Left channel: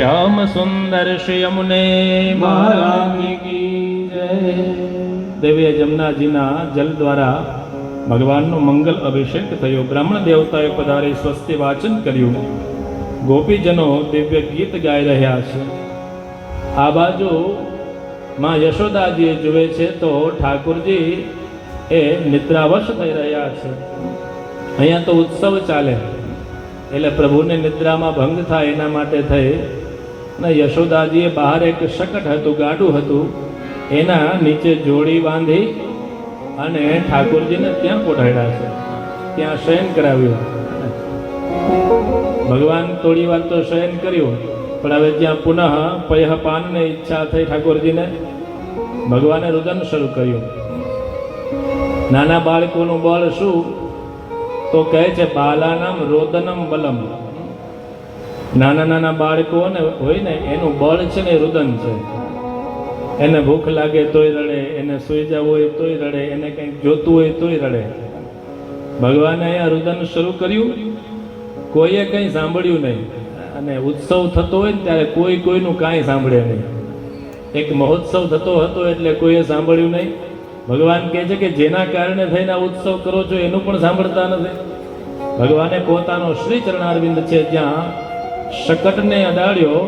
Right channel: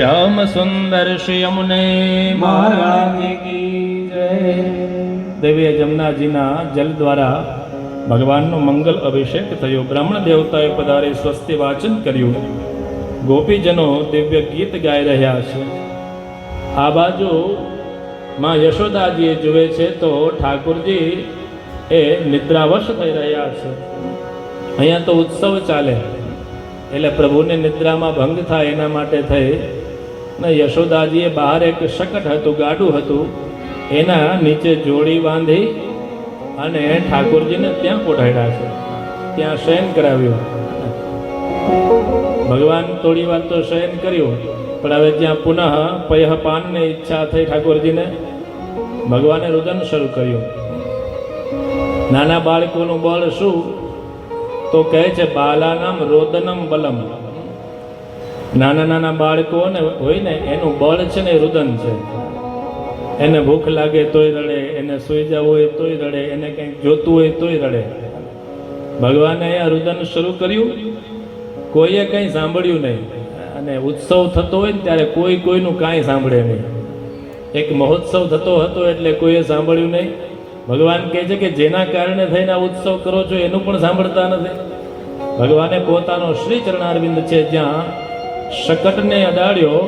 श्याम सुंदर श्री यमुने महाराज की जय। देवीए जमुनाजीना जल द्वारा भगवानનો મંગલ અભિષેક થયો। બ્રાહ્મણ દેવતાએ પધારી સ્વસ્તિ વાચન કર્યું। ગોપીજનો દિવ્ય ગીત ગાઈ રહ્યા છે। આ બાજુ માં યશોદાજીએ જુએ છે તો ઠાકુરજી એ નિદ્રાવશ થઈ રહ્યા છે। અહીંયા તો ઉત્સવ ચાલે એટલે પ્રભુને નિદ્રામાં ભંગ થાય એના માટે થઈ ને યશોદાજીએ બહાર એક શકટ હતું, ગાડું હતું, એના નીચે જોડી બાંધી અને ઠાકોરજીને ત્યાં પોઢાડ્યા છે, ત્યાં શયન કરાવ્યું। ભગવાન થોડી વાર તો શયન કર્યું, પણ હવે ત્યાં પુનઃ પયઃપાનની ઈચ્છા થઈ ઠાકોરજીને। ભગવાને રુદન શરૂ કર્યું। નાના બાળકોનું બળ શું તો કહે છે બાલાનામ રોદનમ બલમ। નાના નાના બાળકોને હોય ને એનું બળ છે ને રુદન છે। એને ભૂખ લાગે તોય રડે, એને સૂઈ જવું હોય તોય રડે, એને કંઈક જોતું હોય તોય રડે। ભગવાને અહીંયા રુદન શરૂ કર્યું, કોઈએ કંઈ સાંભળ્યું નહીં। અને ઉત્સવ થતો હોય ને ત્યારે કોઈ કોઈનું કાંઈ સાંભળે નહીં। એક મહોત્સવ થતો હતો એટલે કોઈએ સાંભળ્યું નહીં। ભગવાન કહે છે કે જેના કારણે થઈને આ ઉત્સવ કરો છો એનું પણ સાંભળતા નથી। ભગવાને પોતાનો શ્રી ચરણારવિંદ છે જ્યાં શકટને અડાડ્યો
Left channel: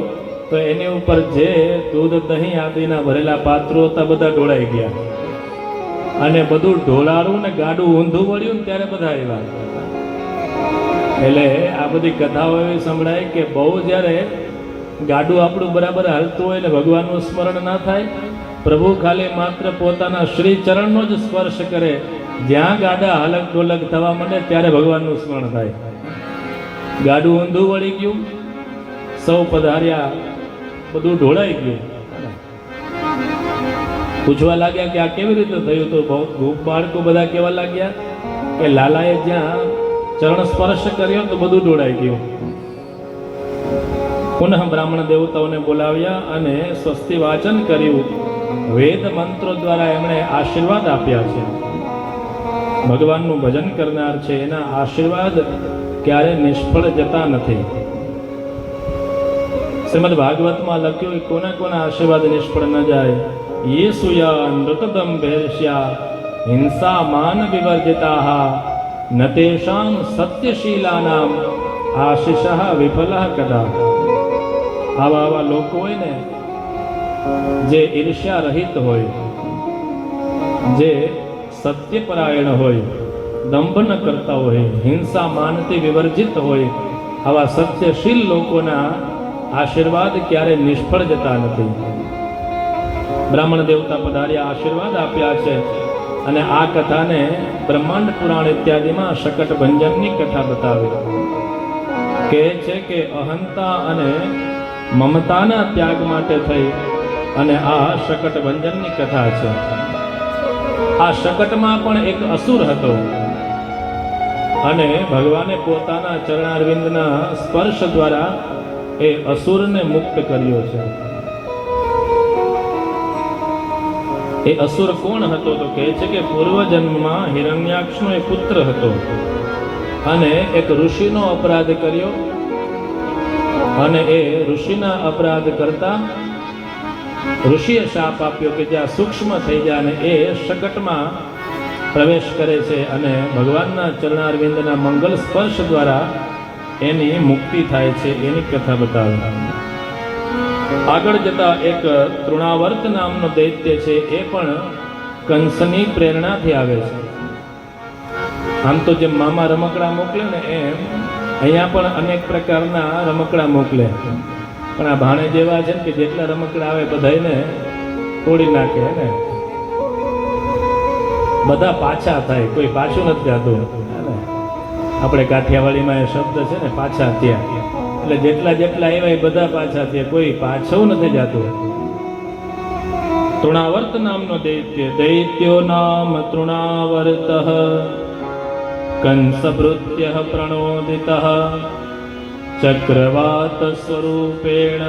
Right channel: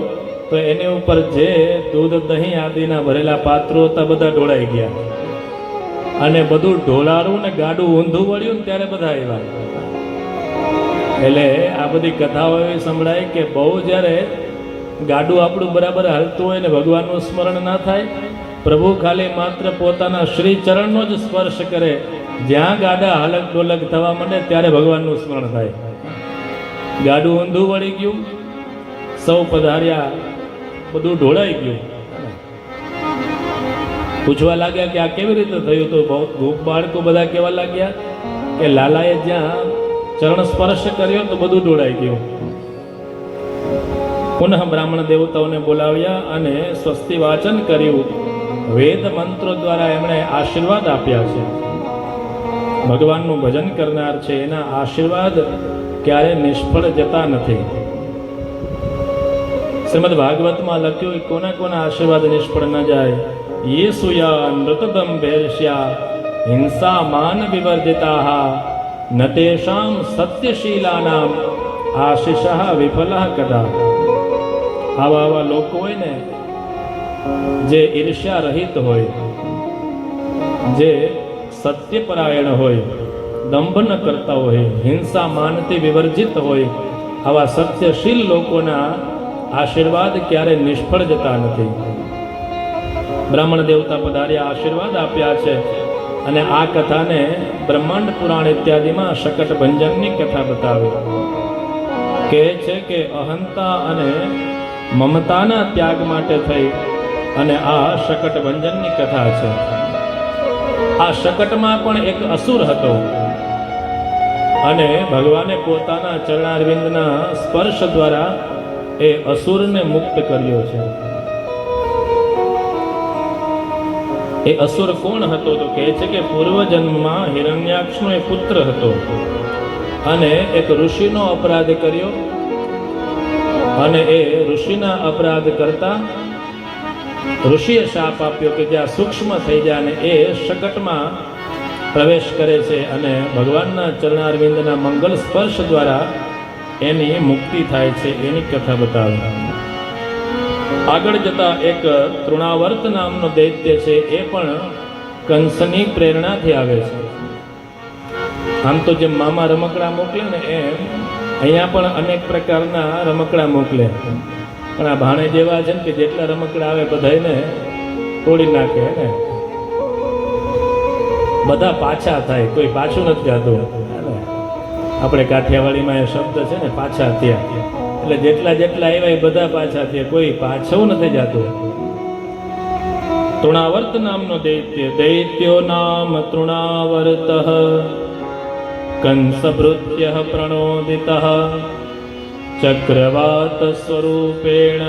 તો એની ઉપર જે દૂધ દહીં આદિના ભરેલા પાત્રો હતા બધા ઢોળાઈ ગયા, અને બધું ઢોળારું ને ગાડું ઊંધું વળ્યું ને ત્યારે બધા આવ્યા। એટલે આ બધી કથાઓ એવી સંભળાય કે બહુ જ્યારે ગાડું આપણું બરાબર હાલતું હોય ને ભગવાનનું સ્મરણ ના થાય, પ્રભુ ખાલી માત્ર પોતાના શ્રી ચરણનો જ સ્પર્શ કરે, જ્યાં ગાડા હાલક ડોલક થવા માંડે ત્યારે ભગવાનનું સ્મરણ થાય। ગાડું ઊંધું વળી ગયું, સૌ પધાર્યા, બધું ઢોળાઈ ગયું। પૂછવા લાગ્યા કે આ કેવી રીતે થયું? તો ગોપ બાળકો બધા કહેવા લાગ્યા કે લાલાએ જ્યાં ચરણ સ્પર્શ કર્યો તો બધું ઢોળાઈ ગયું। પુનઃ બ્રાહ્મણ દેવતાઓને બોલાવ્યા અને સ્વસ્તિ વાચન કર્યું। વેદ મંત્રો દ્વારા એમણે આશીર્વાદ આપ્યા છે। ભગવાનનું ભજન કરનાર છે એના આશીર્વાદ ક્યારે નિષ્ફળ જતા નથી। શ્રીમદ ભાગવતમાં લખ્યું કે કોના કોના આશીર્વાદ નિષ્ફળ ન જાય। ये सुया नृतदम भैर्ष्या हिंसा मान विवर्जिता न तेषां सत्यशीलानाम आशीषः विफलः कदा। આવા આવા લોકો હોય ને જે ઈર્ષ્યા રહિત હોય, જે સત્યપરાયણ હોય, દંભ ન કરતા હોય, હિંસા માનથી વિવર્જિત હોય, આવા સત્યશીલ લોકોના આશીર્વાદ ક્યારે નિષ્ફળ જતા નથી। બ્રાહ્મણ દેવતા પધાર્યા, આશીર્વાદ આપ્યા છે। અને આ કથાને બ્રહ્માંડ પુરાણ ઇત્યાદિમાં શકટ ભંજનની કથા બતાવી। કહે છે કે અહંતા અને મમતાના ત્યાગ માટે થઈ અને આ શકટ ભંજનની કથા છે। આ શકટમાં પણ એક અસુર હતો અને ભગવાને પોતાના ચરણારવિંદના સ્પર્શ દ્વારા એ અસુરને મુક્ત કર્યો છે। એ અસુર કોણ હતો તો કહે છે કે પૂર્વજન્મમાં હિરણ્યાક્ષનો એક પુત્ર હતો અને એક ઋષિનો અપરાધ કર્યો, અને એ ઋષિના અપરાધ કરતા ઋષિએ શાપ આપ્યો કે જ્યાં સૂક્ષ્મ થઈ જાય અને એ શકટમાં પ્રવેશ કરે છે અને ભગવાનના ચરણારવિંદના મંગલ સ્પર્શ દ્વારા એની મુક્તિ થાય છે। એની કથા બતાવી। આગળ જતા એક તૃણાવર્ત નામનો દૈત્ય છે, એ પણ કંસની પ્રેરણાથી આવે છે। આમ તો જેમ મામા રમકડા મોકલે ને એમ અહીંયા પણ અનેક પ્રકારના રમકડા મોકલે, પણ આ ભાણે જેવા છે ને કે જેટલા રમકડા આવે બધાને તોડી નાખે ને, બધા પાછા થાય, કોઈ પાછું નથી જતું। આપણે કાઠિયાવાડીમાં એ શબ્દ છે ને પાછા થયા, એટલે જેટલા જેટલા આવ્યા એ બધા પાછા થયા, કોઈ પાછું નથી જતું। તૃણાવર્ત નામનો દૈત્ય, દૈત્યો નામ તૃણાવર્ત કંસભૃત્ય પ્રણોદિત ચક્રવાત સ્વરૂપેણ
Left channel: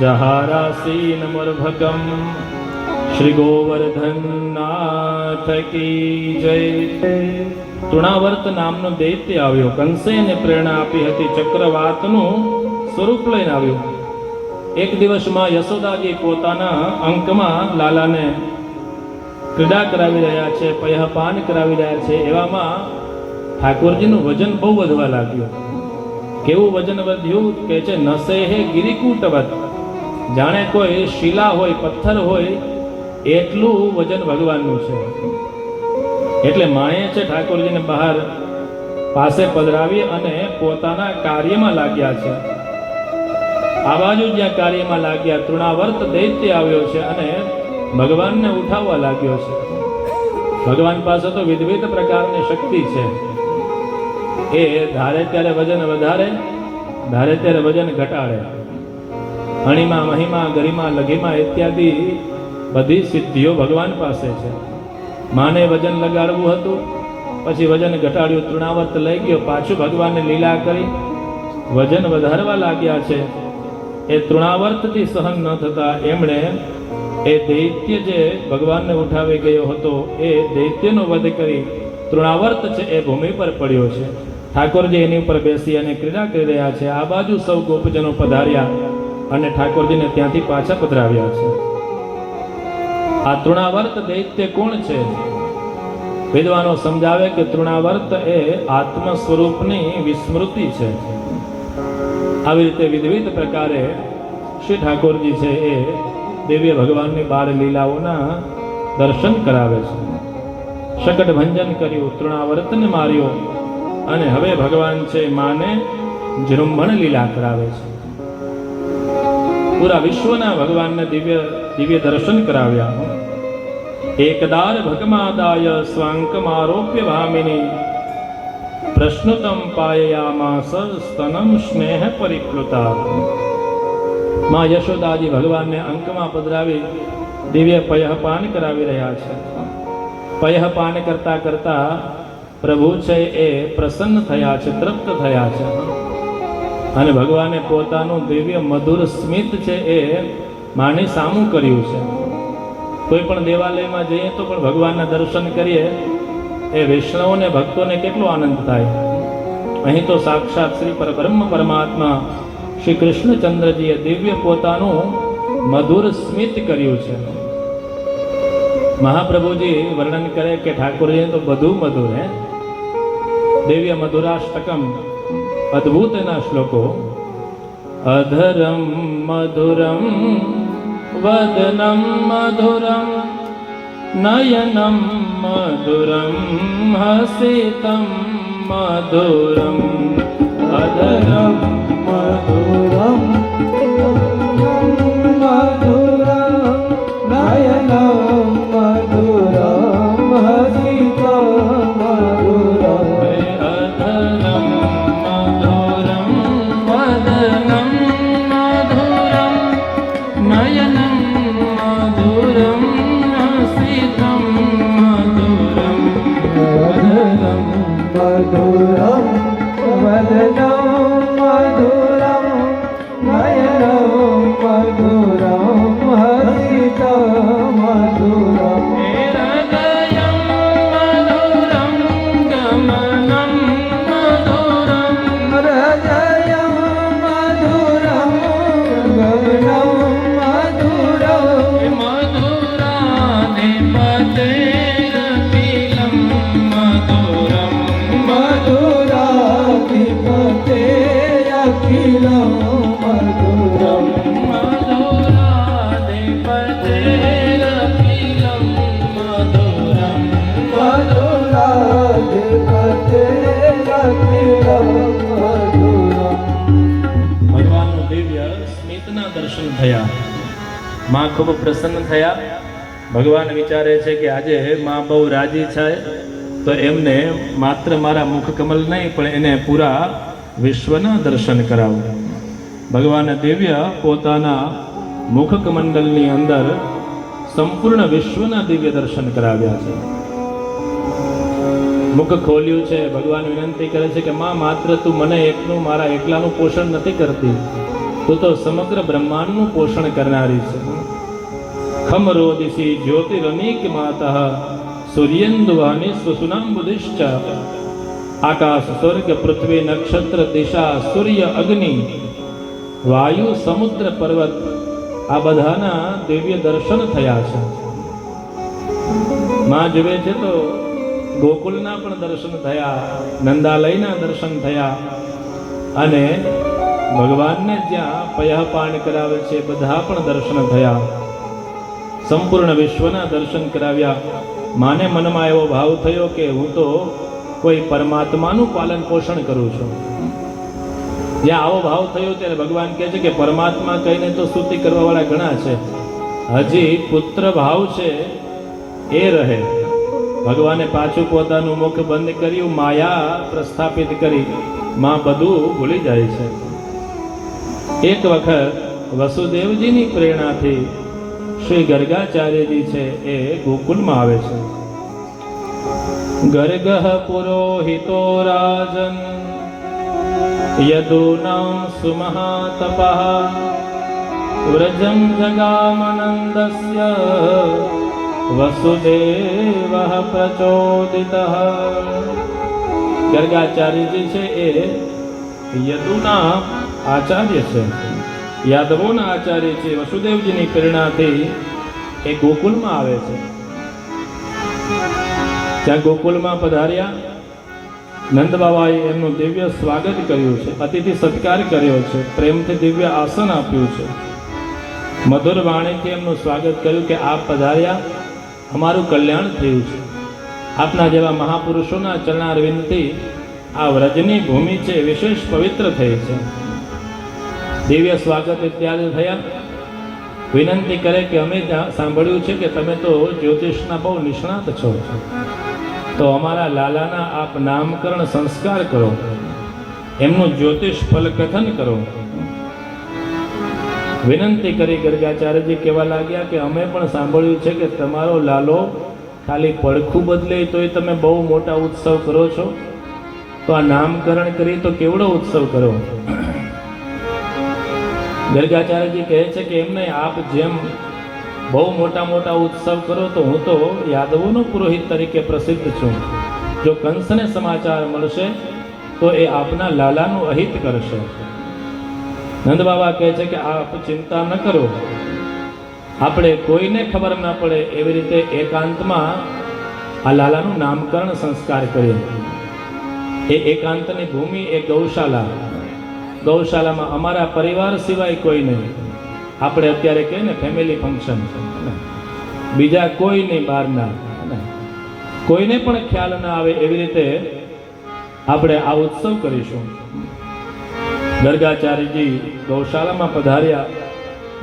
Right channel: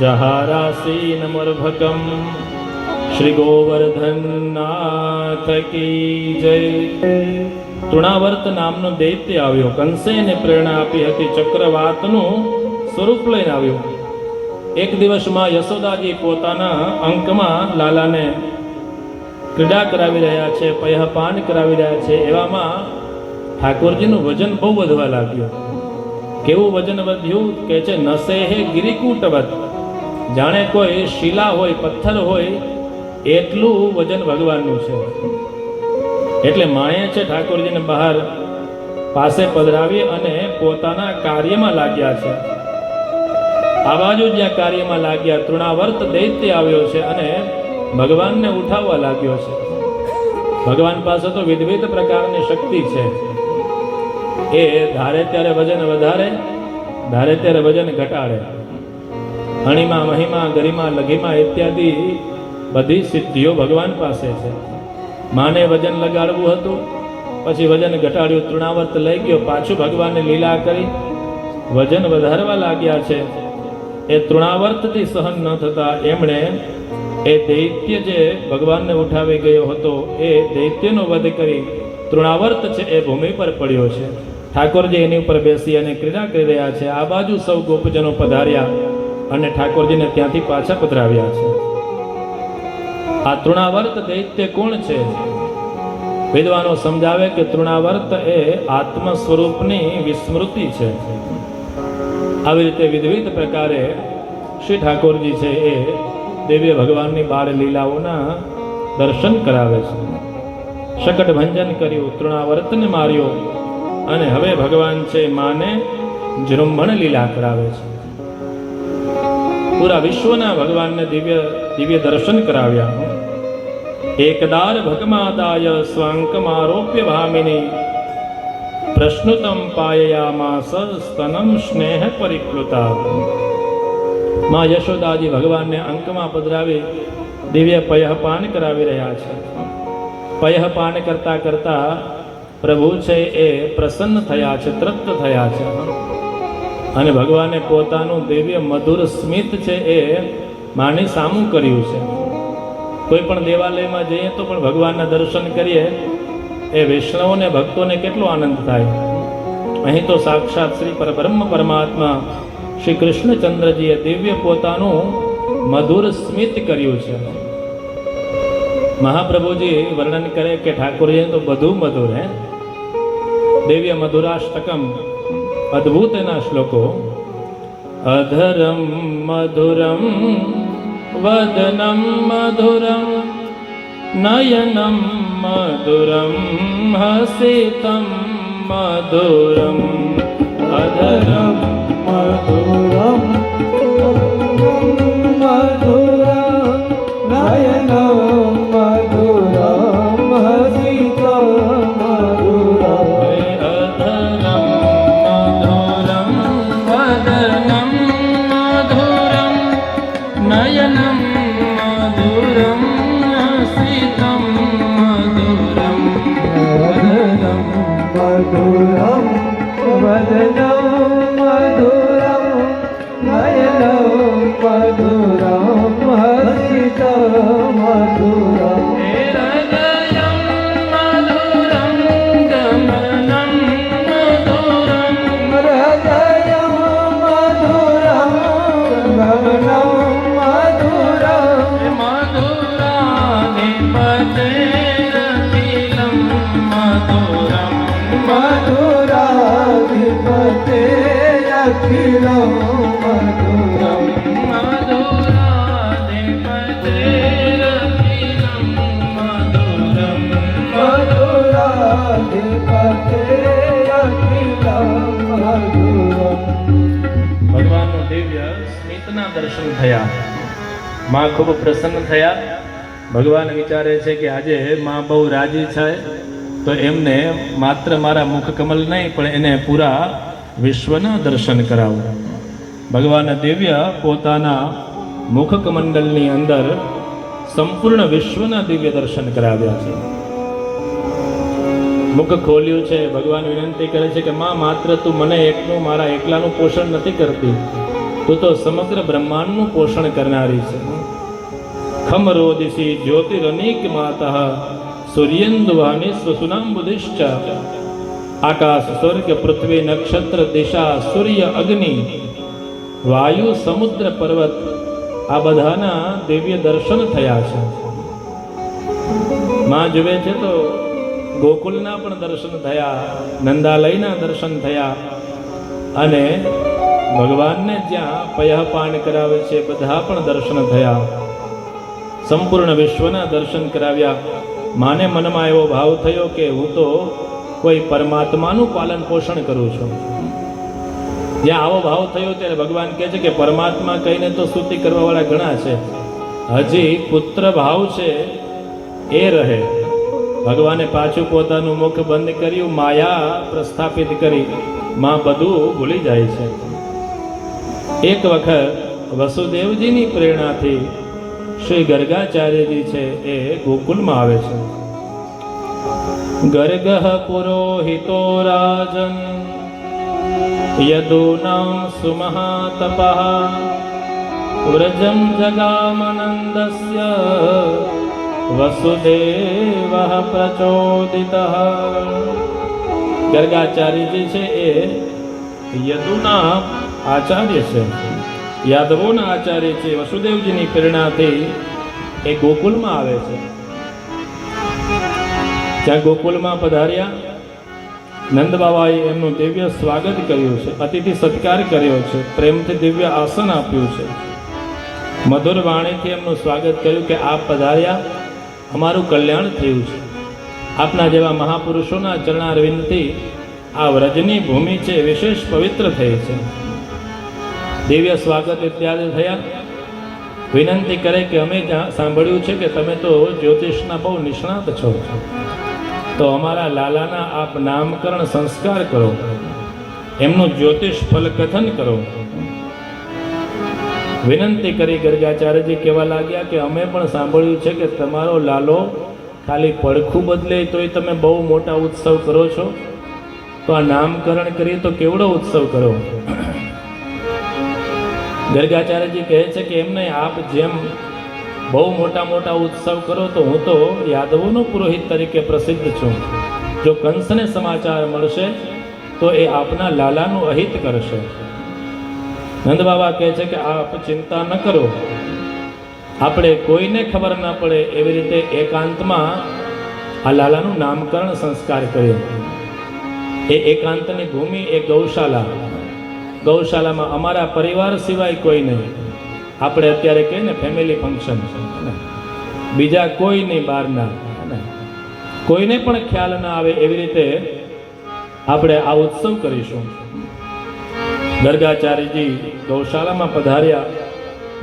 જહારાસીનમર્ભકમ। શ્રી ગોવર્ધનનાથ કી જય। તૃણાવર્ત નામનો દૈત્ય આવ્યો, કંસે એને પ્રેરણા આપી હતી, ચક્રવાતનું સ્વરૂપ લઈને આવ્યો। એક દિવસમાં યશોદાજી પોતાના અંકમાં લાલાને ક્રીડા કરાવી રહ્યા છે, પયઃપાન કરાવી રહ્યા છે. એવામાં ઠાકોરજીનું વજન બહુ વધવા લાગ્યું. કેવું વજન વધ્યું કે છે નસે હે ગિરિકૂટવત, જાણે કોઈ શિલા હોય, પથ્થર હોય એટલું વજન ભગવાનનું છે. એટલે માએ છે ઠાકોરજીને બહાર પાસે પધરાવી અને પોતાના કાર્યમાં લાગ્યા છે. આ બાજુ જ્યાં કાર્યમાં લાગ્યા, તૃણાવર્ત દૈત્ય આવ્યો છે અને ભગવાનને ઉઠાવવા લાગ્યો છે. ભગવાન પાસે તો વિવિધ પ્રકારની શક્તિ છે. એ ધારે ત્યારે વજન વધારે, ધારે ત્યારે વજન ઘટાડે. અણિમા, મહિમા, ગરિમા, લઘિમા ઇત્યાદિ બધી સિદ્ધિઓ ભગવાન પાસે છે. માને વજન લગાડવું હતું, પછી વજન ઘટાડ્યું, તૃણાવર્ત લઈ ગયો, પાછું ભગવાનને લીલા કરી વજન વધારવા લાગ્યા છે. એ તૃણાવર્તથી સહન ન થતા એમણે એ દૈત્ય જે ભગવાનને ઉઠાવી ગયો હતો એ દૈત્યનો વધ કરી તૃણાવર્ત છે એ ભૂમિ પર પડ્યો છે. ઠાકોરજી એની ઉપર બેસી અને ક્રીડા કરી રહ્યા છે. આ બાજુ સૌ ગોપજનો પધાર્યા અને ઠાકોરજીને ત્યાંથી પાછા પધરાવ્યા છે. આ તૃણાવર્ત દૈત્ય કોણ છે? વિદ્વાનો સમજાવે કે તૃણાવર્ત એ આત્મ સ્વરૂપની વિસ્મૃતિ છે. આવી રીતે વિવિધ પ્રકારે શ્રી ઠાકોરજી છે એ દિવ્ય ભગવાનની બાળ લીલાઓના દર્શન કરાવે છે. શકટ ભંજન કર્યું, તૃણાવર્તને માર્યો અને હવે ભગવાન છે માને જૃંભણ લીલા કરાવે છે. પૂરા વિશ્વના ભગવાનને દિવ્ય દિવ્ય દર્શન કરાવ્યા. એકદાર ભગમાદાય સ્વાંકમારોપ્ય ભામિની પ્રશ્નુતમ પાયયામાસ સ્તનમ સ્નેહ પરિપ્લુતા. માં યશોદાજી ભગવાનને અંકમાં પધરાવી દિવ્ય પયઃપાન કરાવી રહ્યા છે. પયઃપાન કરતા કરતા પ્રભુ છે એ પ્રસન્ન થયા છે, તૃપ્ત થયા છે અને ભગવાને પોતાનું દિવ્ય મધુર સ્મિત છે એ માની સામું કર્યું છે. કોઈ પણ દેવાલયમાં જઈએ તો પણ ભગવાનના દર્શન કરીએ એ વૈષ્ણવોને, ભક્તોને કેટલો આનંદ થાય. અહીં તો સાક્ષાત શ્રી પરબ્રહ્મ પરમાત્મા શ્રી કૃષ્ણચંદ્રજીએ દિવ્ય પોતાનું મધુર સ્મિત કર્યું છે. મહાપ્રભુજી વર્ણન કરે કે ઠાકોરજી તો બધું મધુર હે. દિવ્ય મધુરાષ્ટકમ, અદ્ભુત એના શ્લોકો. અધરમ મધુરમ વદનમ મધુરમ નયનમ મધુરમ હસિતમ મધુરમ. અધરમ મધુરમ મધુરમ નયનમ મધુરમ હસિતમ મધુરમ. અધરમ મધુરમ વદનમ મધુરમ નયનમ મધુરમ હસિતમ મધુરમ. અધરમ મધુરમ વદનમ મધુરમ નયનમ મધુરમ હસિતમ મધુરમ. હૃદયમ મધુરમ ગમનમ મધુરમ. હૃદયમ મધુરમ ગમનમ મધુરમ. મધુરાધિપતેરતિલમ મધુરમ. મધુરાધિપતે અખિલમ મધુરમ. મધુરાધિપતેરતિલમ મધુરમ. મધુરાધિપતે અખિલમ મધુરમ. ભગવાનનું દિવ્ય સ્મિતના દર્શન થયા. માં ખૂબ પ્રસન્ન થયા. ભગવાન વિચારે છે કે આજે માં બહુ રાજી છે તો એમને માત્ર મારા મુખ કમલ નહીં પણ એને પૂરા વિશ્વના દર્શન કરાવું. ભગવાન દિવ્ય પોતાના મુખ કમંડલની અંદર સંપૂર્ણ વિશ્વના દિવ્ય દર્શન કરાવ્યા છે. મુખ ખોલ્યું છે. ભગવાન વિનંતી કરે છે કે માં માત્ર તું મને એકનું, મારા એકલાનું પોષણ નથી કરતી, તું તો સમગ્ર બ્રહ્માંડનું પોષણ કરનારી છે. ખમરોદિશી જ્યોતિરનેક માતઃ સૂર્યેન્દુવાની સ્વસુનાંબુધિશ્ચ. આકાશ, સ્વર્ગ, પૃથ્વી, નક્ષત્ર, દિશા, સૂર્ય, અગ્નિ વાયુ, સમુદ્ર, પર્વત આ બધાના દિવ્ય દર્શન થયા છે. માં જુએ છે તો ગોકુલના પણ દર્શન થયા, નંદાલયના દર્શન થયા, અને ભગવાનને જ્યાં પયઃપાન કરાવે છે બધા પણ દર્શન થયા. સંપૂર્ણ વિશ્વના દર્શન કરાવ્યા. માને મનમાં એવો ભાવ થયો કે હું તો કોઈ પરમાત્માનું પાલન પોષણ કરું છું. જ્યાં આવો ભાવ થયો ત્યારે ભગવાન કહે છે કે પરમાત્મા કહીને તો સ્તુતિ કરવાવાળા ઘણા છે, હજી પુત્ર ભાવ છે એ રહે. ભગવાને પાછું પોતાનું મુખ બંધ કર્યું, માયા પ્રસ્થાપિત કરી. માં બધું ભૂલી જાય છે. એક વખત વસુદેવજીની પ્રેરણાથી શ્રી ગર્ગાચાર્યજી છે એ ગોકુલમાં આવે છે. ગર્ગઃ પુરોહિતો રાજન યદૂનાં સુમહાતપઃ વ્રજં જગામનંદસ્ય વસુદેવઃ પ્રચોદિતઃ. ગર્ગાચાર્યજી છે એ યદુના આચાર્ય છે, યાદવોના આચાર્ય છે. વસુદેવજીની પ્રેરણાથી એ ગોકુલમાં આવે છે. ત્યાં ગોકુલમાં પધાર્યા. નંદ બાબાએ એમનું દિવ્ય સ્વાગત કર્યું છે, અતિથિ સત્કાર કર્યો છે, પ્રેમથી દિવ્ય આસન આપ્યું છે, મધુર વાણીથી એમનું સ્વાગત કર્યું કે આપ પધાર્યા, અમારું કલ્યાણ થયું છે. આપના જેવા મહાપુરુષોના ચરણારવિંદથી આ વ્રજની ભૂમિ છે વિશેષ પવિત્ર થઈ છે. દિવ્ય સ્વાગત ઇત્યાદિ થયા. વિનંતી કરે કે અમે ત્યાં સાંભળ્યું છે કે તમે તો જ્યોતિષના બહુ નિષ્ણાત છો, તો અમારા લાલાના આપ નામકરણ સંસ્કાર કરો, એમનું જ્યોતિષ ફલકથન કરો. વિનંતી કરી ગર્ગાચાર્યજી કહેવા લાગ્યા કે અમે પણ સાંભળ્યું છે કે તમારો લાલો ખાલી પડખું બદલે તોય તમે બહુ મોટા ઉત્સવ કરો છો, તો આ નામકરણ કરી તો કેવડો ઉત્સવ કરો. ગર્ગાચાર્યજી કહે છે કે એમને આપ જેમ બહુ મોટા મોટા ઉત્સવ કરો તો હું તો યાદવોનો પુરોહિત તરીકે પ્રસિદ્ધ છું. જો કંસને સમાચાર મળશે તો એ આપના લાલાનું અહિત કરશે. નંદ બાબા કહે છે કે આપ ચિંતા ન કરો, આપણે કોઈને ખબર ન પડે એવી રીતે એકાંતમાં આ લાલાનું નામકરણ સંસ્કાર કર્યો. એ એકાંતની ભૂમિ એ ગૌશાલા. ગૌશાલામાં અમારા પરિવાર સિવાય કોઈ નહીં. આપણે અત્યારે કહીએ ને ફેમિલી ફંક્શન, બીજા કોઈ નહીં, બહારના કોઈને પણ ખ્યાલ ના આવે એવી રીતે આપણે આ ઉત્સવ કરીશું. ગર્ગાચાર્યજી ગૌશાલામાં પધાર્યા.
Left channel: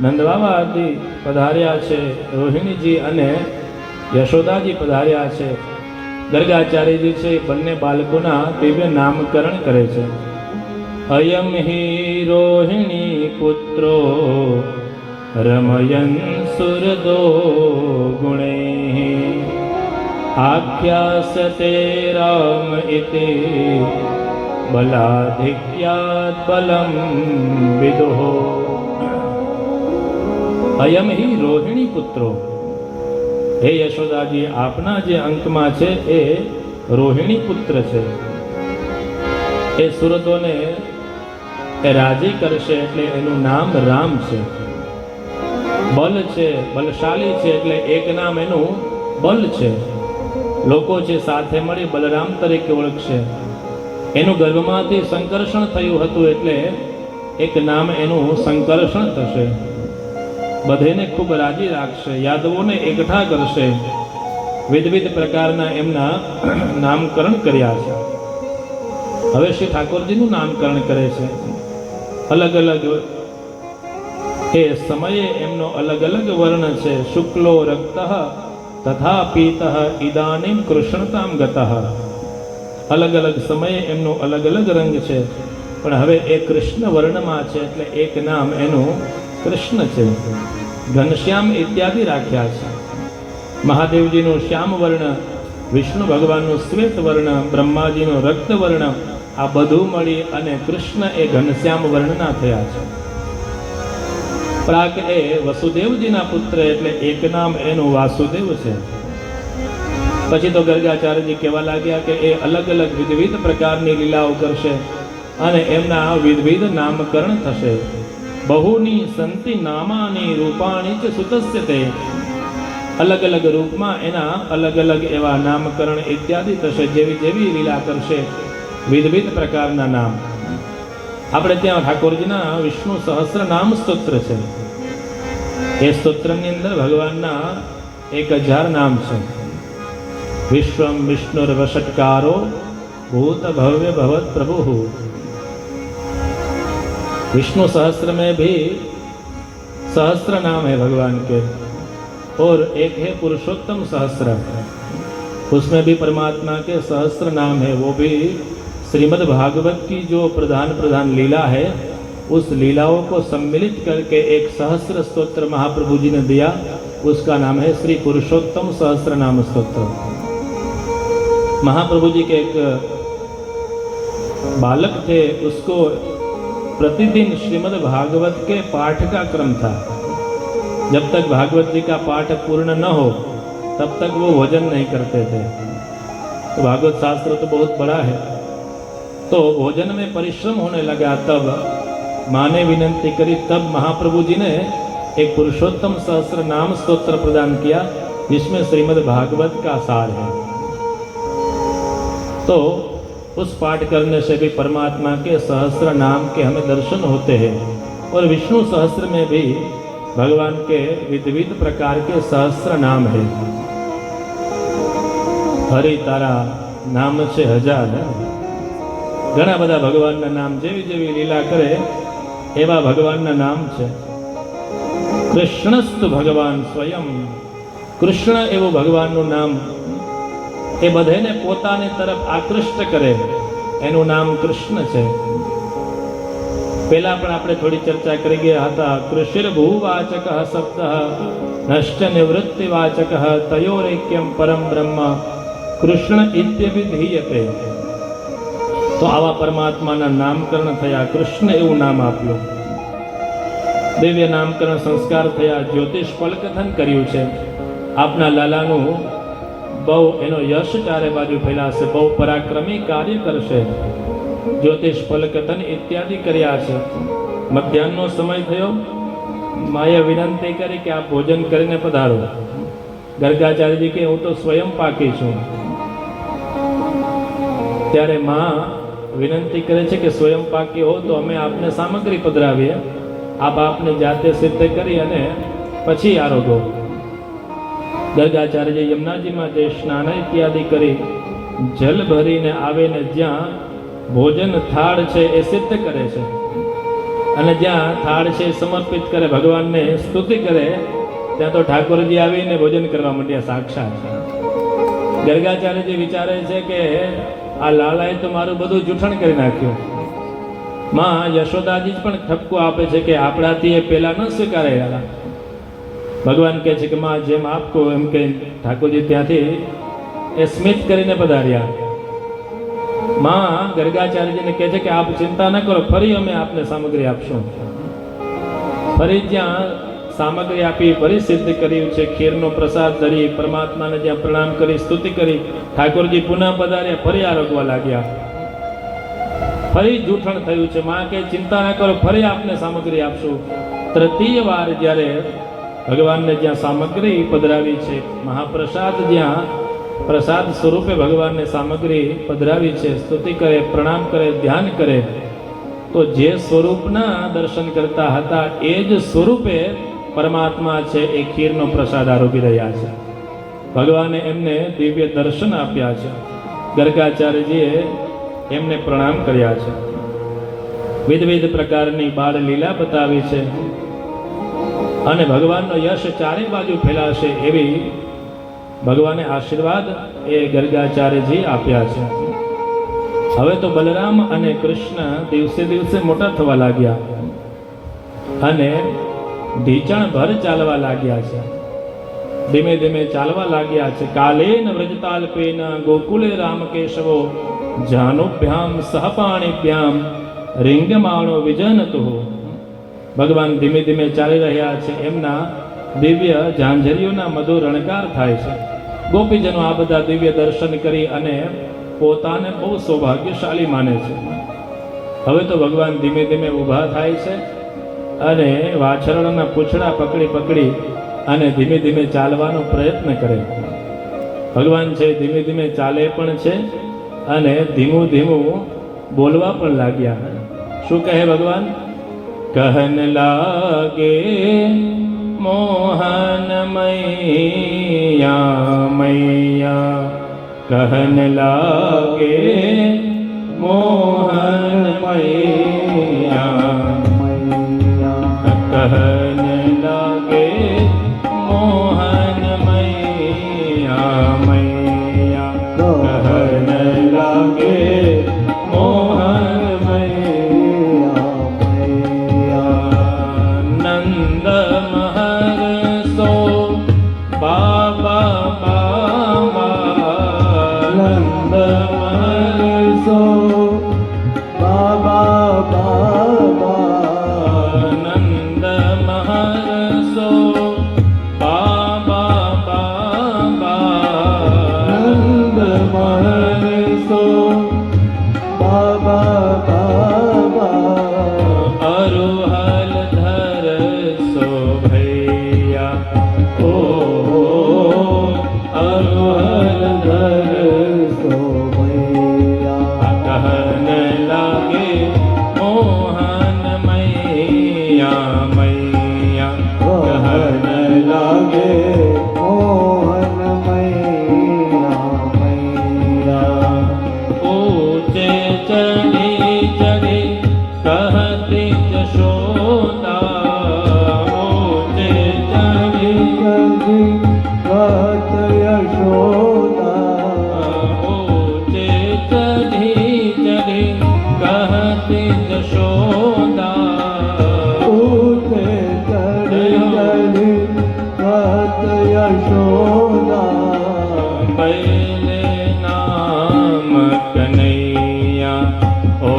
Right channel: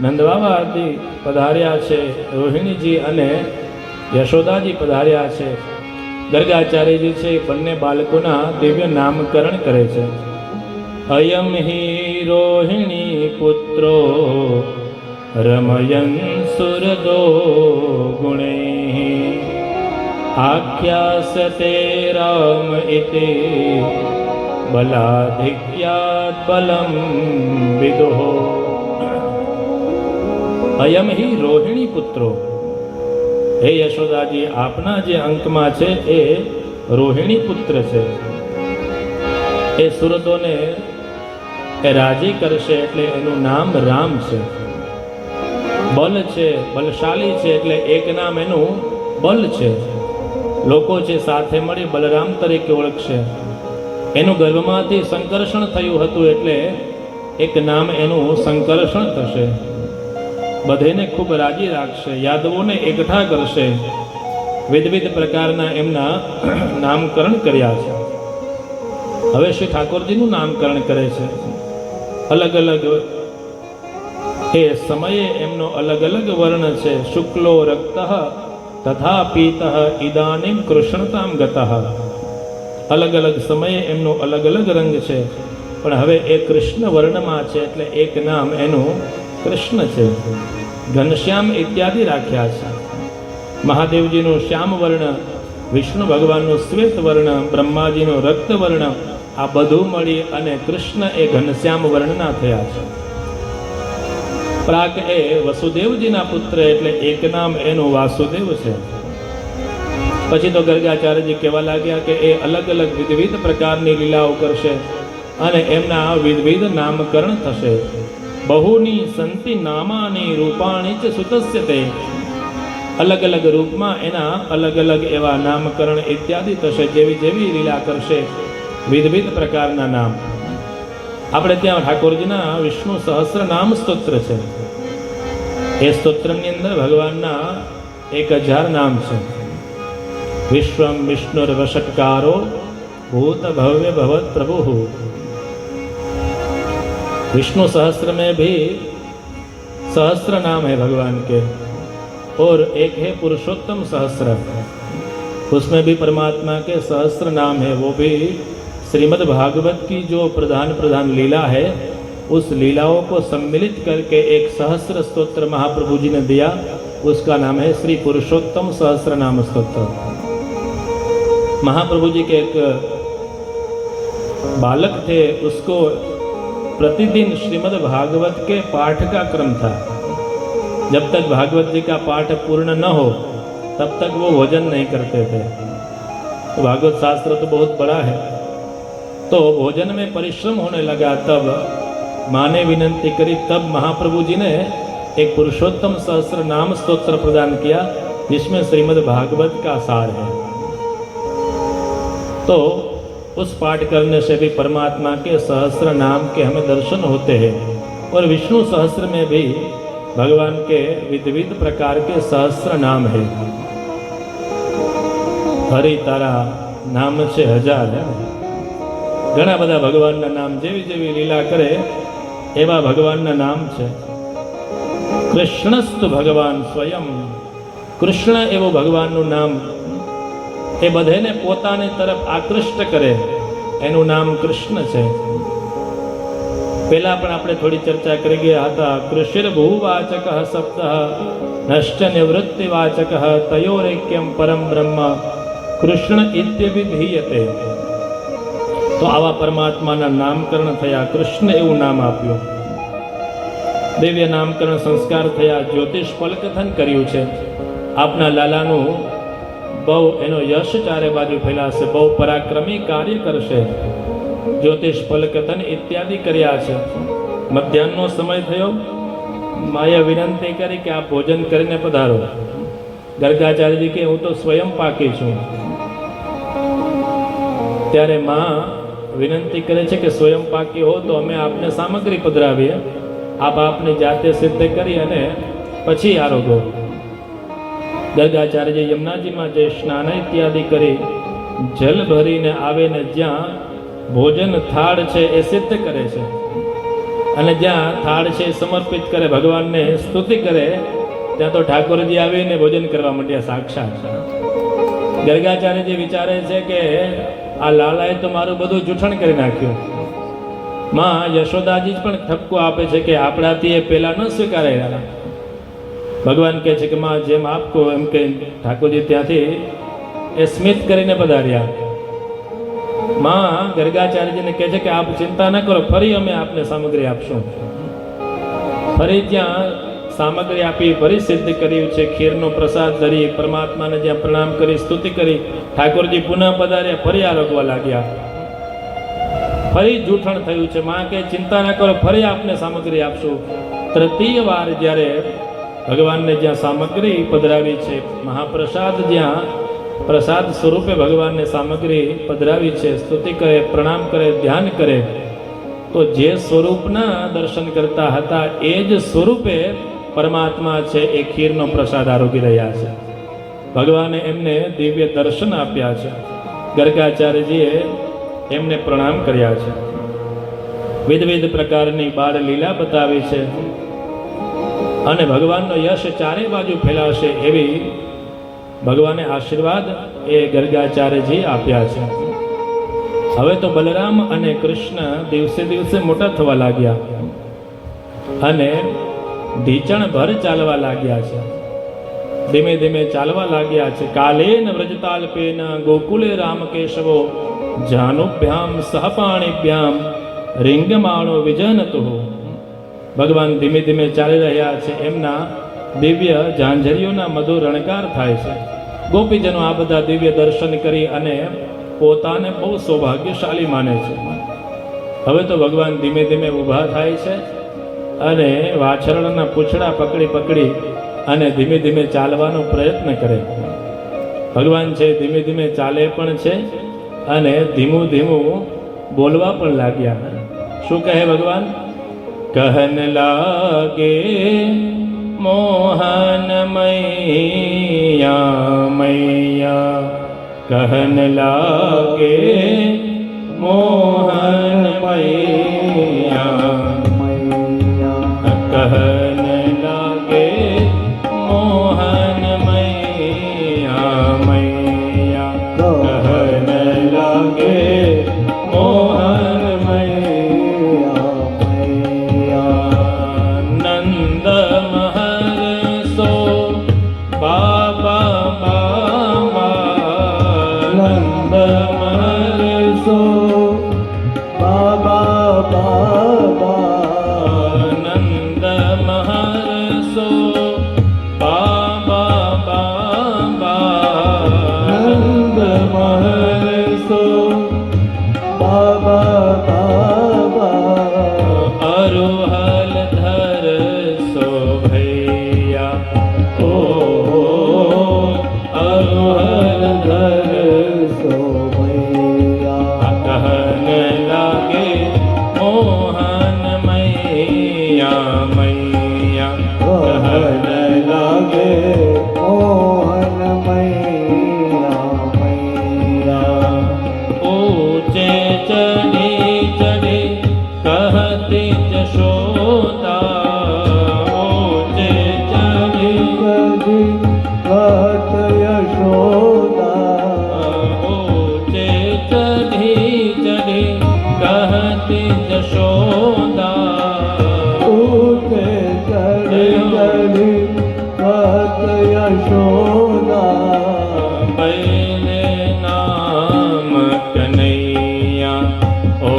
નંદબાબાજી પધાર્યા છે, રોહિણીજી અને યશોદાજી પધાર્યા છે. ગર્ગાચાર્યજી છે બંને બાળકોના દિવ્ય નામકરણ કરે છે. અયમ હિ રોહિણી પુત્રો રમયન સુરદો ગુણે આખ્યાસ્યતે રામ ઇતિ બલાધિક્યાત બલમ વિદુઃ. અયમ હિ રોહિણી પુત્રો. હે યશોદાજી, આપના જે અંકમાં છે એ રોહિણી પુત્ર છે. એ સુરતોને એ રાજી કરશે એટલે એનું નામ રામ છે. બલ છે, બલશાલી છે એટલે એક નામ એનું બલ છે. લોકો છે સાથે મળી બલરામ તરીકે ઓળખશે. એનું ગર્ભમાંથી સંકર્ષણ થયું હતું એટલે એક નામ એનું સંકર્ષણ થશે. બધેને ખૂબ રાજી રાખશે, યાદવોને એકઠા કરશે. વિવિધ પ્રકારના એમના નામકરણ કર્યા છે. હવે શ્રી ઠાકોરજીનું નામકરણ કરે છે. અલગ અલગ એ સમયે એમનો અલગ અલગ વર્ણ છે. શુક્લો રક્ત તથા પીત ઇદાનીમ કૃષ્ણતામ ગતઃ. અલગ અલગ સમયે એમનો અલગ અલગ રંગ છે, પણ હવે એ કૃષ્ણ વર્ણમાં છે એટલે એક નામ એનું કૃષ્ણ છે. ઘનશ્યામ ઇત્યાદિ રાખ્યા છે. મહાદેવજીનું શ્યામ વર્ણ, વિષ્ણુ ભગવાનનું શ્વેત વર્ણ, બ્રહ્માજીનું રક્ત વર્ણ, આ બધું મળી અને કૃષ્ણ એ ઘનશ્યામ વર્ણના થયા છે. પ્રાક એ વસુદેવજીના પુત્ર એટલે એક નામ એનું વાસુદેવ છે. પછી તો ગર્ગાચાર્યજી કહેવા લાગ્યા કે એ અલગ અલગ વિવિધ પ્રકારની લીલાઓ કરશે અને એમના વિવિધ નામકરણ થશે. બહુની સંતિ નામાની રૂપાણી ચ સુતસ્ય તે. અલગ અલગ રૂપમાં એના અલગ અલગ એવા નામકરણ ઇત્યાદિ થશે. જેવી જેવી લીલા કરશે વિવિધ પ્રકારના નામ. આપણે ત્યાં ઠાકોરજીના વિષ્ણુ સહસ્ર નામ સ્તોત્ર છે. એ સ્તોત્રની અંદર ભગવાનના 1000 નામ છે. विश्वम विष्णुर वषटकारो भूत भव्य भवत प्रभु. विष्णु सहस्र में भी सहस्र नाम है भगवान के, और एक है पुरुषोत्तम सहस्र, उसमें भी परमात्मा के सहस्र नाम है. वो भी श्रीमद् भागवत की जो प्रधान प्रधान लीला है, उस लीलाओं को सम्मिलित करके एक सहस्र स्तोत्र महाप्रभु जी ने दिया. उसका नाम है श्री पुरुषोत्तम सहस्र नाम स्तोत्र. महाप्रभु जी के एक बालक थे, उसको प्रतिदिन श्रीमद् भागवत के पाठ का क्रम था. जब तक भागवत जी का पाठ पूर्ण न हो तब तक वो भोजन नहीं करते थे. तो भागवत शास्त्र तो बहुत बड़ा है, तो भोजन में परिश्रम होने लगा. तब माँ ने विनंती करी, तब महाप्रभु जी ने एक पुरुषोत्तम सहस्र नाम स्तोत्र प्रदान किया, जिसमें श्रीमद् भागवत का सार है. तो उस पाठ करने से भी परमात्मा के सहस्र नाम के हमें दर्शन होते हैं. और विष्णु सहस्र में भी भगवान के विविध प्रकार के सहस्र नाम है. हरि तारा नाम से 1000 है. घણા બધા ભગવાનના નામ જેવી જેવી લીલા કરે એવા ભગવાનના નામ છે. કૃષ્ણસ્તુ ભગવાન સ્વયં. કૃષ્ણ એવું ભગવાનનું નામ એ બધાને પોતાની તરફ આકૃષ્ટ કરે, એનું નામ કૃષ્ણ છે. પહેલા પણ આપણે થોડી ચર્ચા કરી ગયા હતા. કૃષિર ભૂવાચક સપ્ત નષ્ટ નિવૃત્તિવાચક તયોરેક્યમ પરમ બ્રહ્મ કૃષ્ણ ઇત્યભિધીયતે. તો આવા પરમાત્માના નામકરણ થયા. કૃષ્ણ એવું નામ આપ્યું. દિવ્ય નામકરણ સંસ્કાર થયા. જ્યોતિષ ફલકથન કર્યું છે. આપના લાલાનું બહુ એનો યશ ચારે બાજુ ફેલાશે. બહુ પરાક્રમી કાર્ય કરશે. જ્યોતિષ ફલકથન ઇત્યાદિ કર્યા છે. મધ્યાહનનો સમય થયો. માએ વિનંતી કરી કે આપ ભોજન કરીને પધારો. ગર્ગાચાર્યજી કે હું તો સ્વયં પાકી છું. ત્યારે માં વિનંતી કરે છે કે સ્વયં પાકી હો તો અમે આપને સામગ્રી પધરાવીએ. આપ આપને જાતે સિદ્ધ કરી અને પછી આરોગો. ગર્ગાચાર્ય યમુનાજીમાં જઈ સ્નાન ઇત્યાદિ કરી જલ ભરીને આવે ને જ્યાં ભોજન થાળ છે એ સિદ્ધ કરે છે, અને જ્યાં થાળ છે એ સમર્પિત કરે, ભગવાનને સ્તુતિ કરે, ત્યાં તો ઠાકોરજી આવીને ભોજન કરવા માંડ્યા સાક્ષાત. ગર્ગાચાર્યજી વિચારે છે કે આ લાલાએ તો મારું બધું જૂઠણ કરી નાખ્યું. માં યશોદાજી પણ ઠપકો આપે છે કે આપણાથી એ પહેલા ન સ્વીકારાયા. ભગવાન કહે છે કે માં જેમ આપકો એમ કે ઠાકોરજી ત્યાંથી એ સ્મિત કરીને પધાર્યા. માં ગર્ગાચાર્યજીને કહે છે કે આપ ચિંતા ન કરો, ફરી અમે આપને સામગ્રી આપશું. ફરી જ્યાં સામગ્રી આપી, ફરી સિદ્ધ કર્યું છે. ખીરનો પ્રસાદ ધરી પરમાત્માને જ્યાં પ્રણામ કરી સ્તુતિ કરી, ઠાકોરજી પુનઃ પધાર્યા, ફરી આરોગવા લાગ્યા. ફરી જૂઠણ થયું છે. માં કે ચિંતા ન કરો, ફરી આપને સામગ્રી આપશું. તૃતીય વાર જ્યારે ભગવાનને જ્યાં સામગ્રી પધરાવી છે, મહાપ્રસાદ જ્યાં પ્રસાદ સ્વરૂપે ભગવાનને સામગ્રી પધરાવી છે, સ્તુતિ કરે, પ્રણામ કરે, ધ્યાન કરે, તો જે સ્વરૂપના દર્શન કરતા હતા એ જ સ્વરૂપે પરમાત્મા છે એ ખીરનો પ્રસાદ આરોગી રહ્યા છે. ભગવાને એમને દિવ્ય દર્શન આપ્યા છે. ગર્ગાચાર્યજીએ એમને પ્રણામ કર્યા છે. વિવિધ પ્રકારની બાળ લીલા બતાવી છે, અને ભગવાનનો યશ ચારે બાજુ ફેલાશે એવી ભગવાને આશીર્વાદ એ ગર્ગાચાર્યજી આપ્યા છે. હવે તો બલરામ અને કૃષ્ણ દિવસે દિવસે મોટા થવા લાગ્યા અને ઢીચણ ભર ચાલવા લાગ્યા છે. ધીમે ધીમે ચાલવા લાગ્યા છે. કાલેન વ્રજતાલ્પેન ગોકુલે રામકેશવો જાનુભ્યામ સહપાણીભ્યામ રીંગમાણો વિજનતો. ભગવાન ધીમે ધીમે ચાલી રહ્યા છે. એમના દિવ્ય ઝાંઝરીઓના મધુર રણકાર થાય છે. ગોપીજનો આ બધા દિવ્ય દર્શન કરી અને પોતાને બહુ સૌભાગ્યશાળી માને છે. હવે તો ભગવાન ધીમે ધીમે ઊભા થાય છે અને વાછરણના પૂંછડા પકડી પકડી અને ધીમે ધીમે ચાલવાનો પ્રયત્ન કરે. ભગવાન છે ધીમે ધીમે ચાલે પણ છે અને ધીમું ધીમું બોલવા પણ લાગ્યા. શું કહે ભગવાન? કહન લાગે મોહન મૈયા મૈયા, કહન લાગે મોહન મૈયા મૈયા, કહન લાગે મોહન મૈયા મૈયા, કહન લાગે મોહન મૈયા. નંદ મહર્ષો બાબા બાબા, નંદ મહર્ષો બાબા બાબા, નંદ મહર્ષો બાબા બાબા, નંદ મહર્ષો બાબા બાબા, અરુહલ ધરસો ભૈયા, ઓ અરુહલ ધરસો ભૈયા, કહન લાગે મોહન મૈયા મૈયા, કહન લાગે મોહન મૈયા મૈયા, ऊंचे चढ़ी चढ़ी कहती जशोदा, ऊंचे चढ़ी કદી વાત યશોદા, ऊंचे चढ़ी चढ़ी कहती जशोदा, ઊતે ચડી ચડી વાત યશોદા, पहले नाम कन्हैया, ओ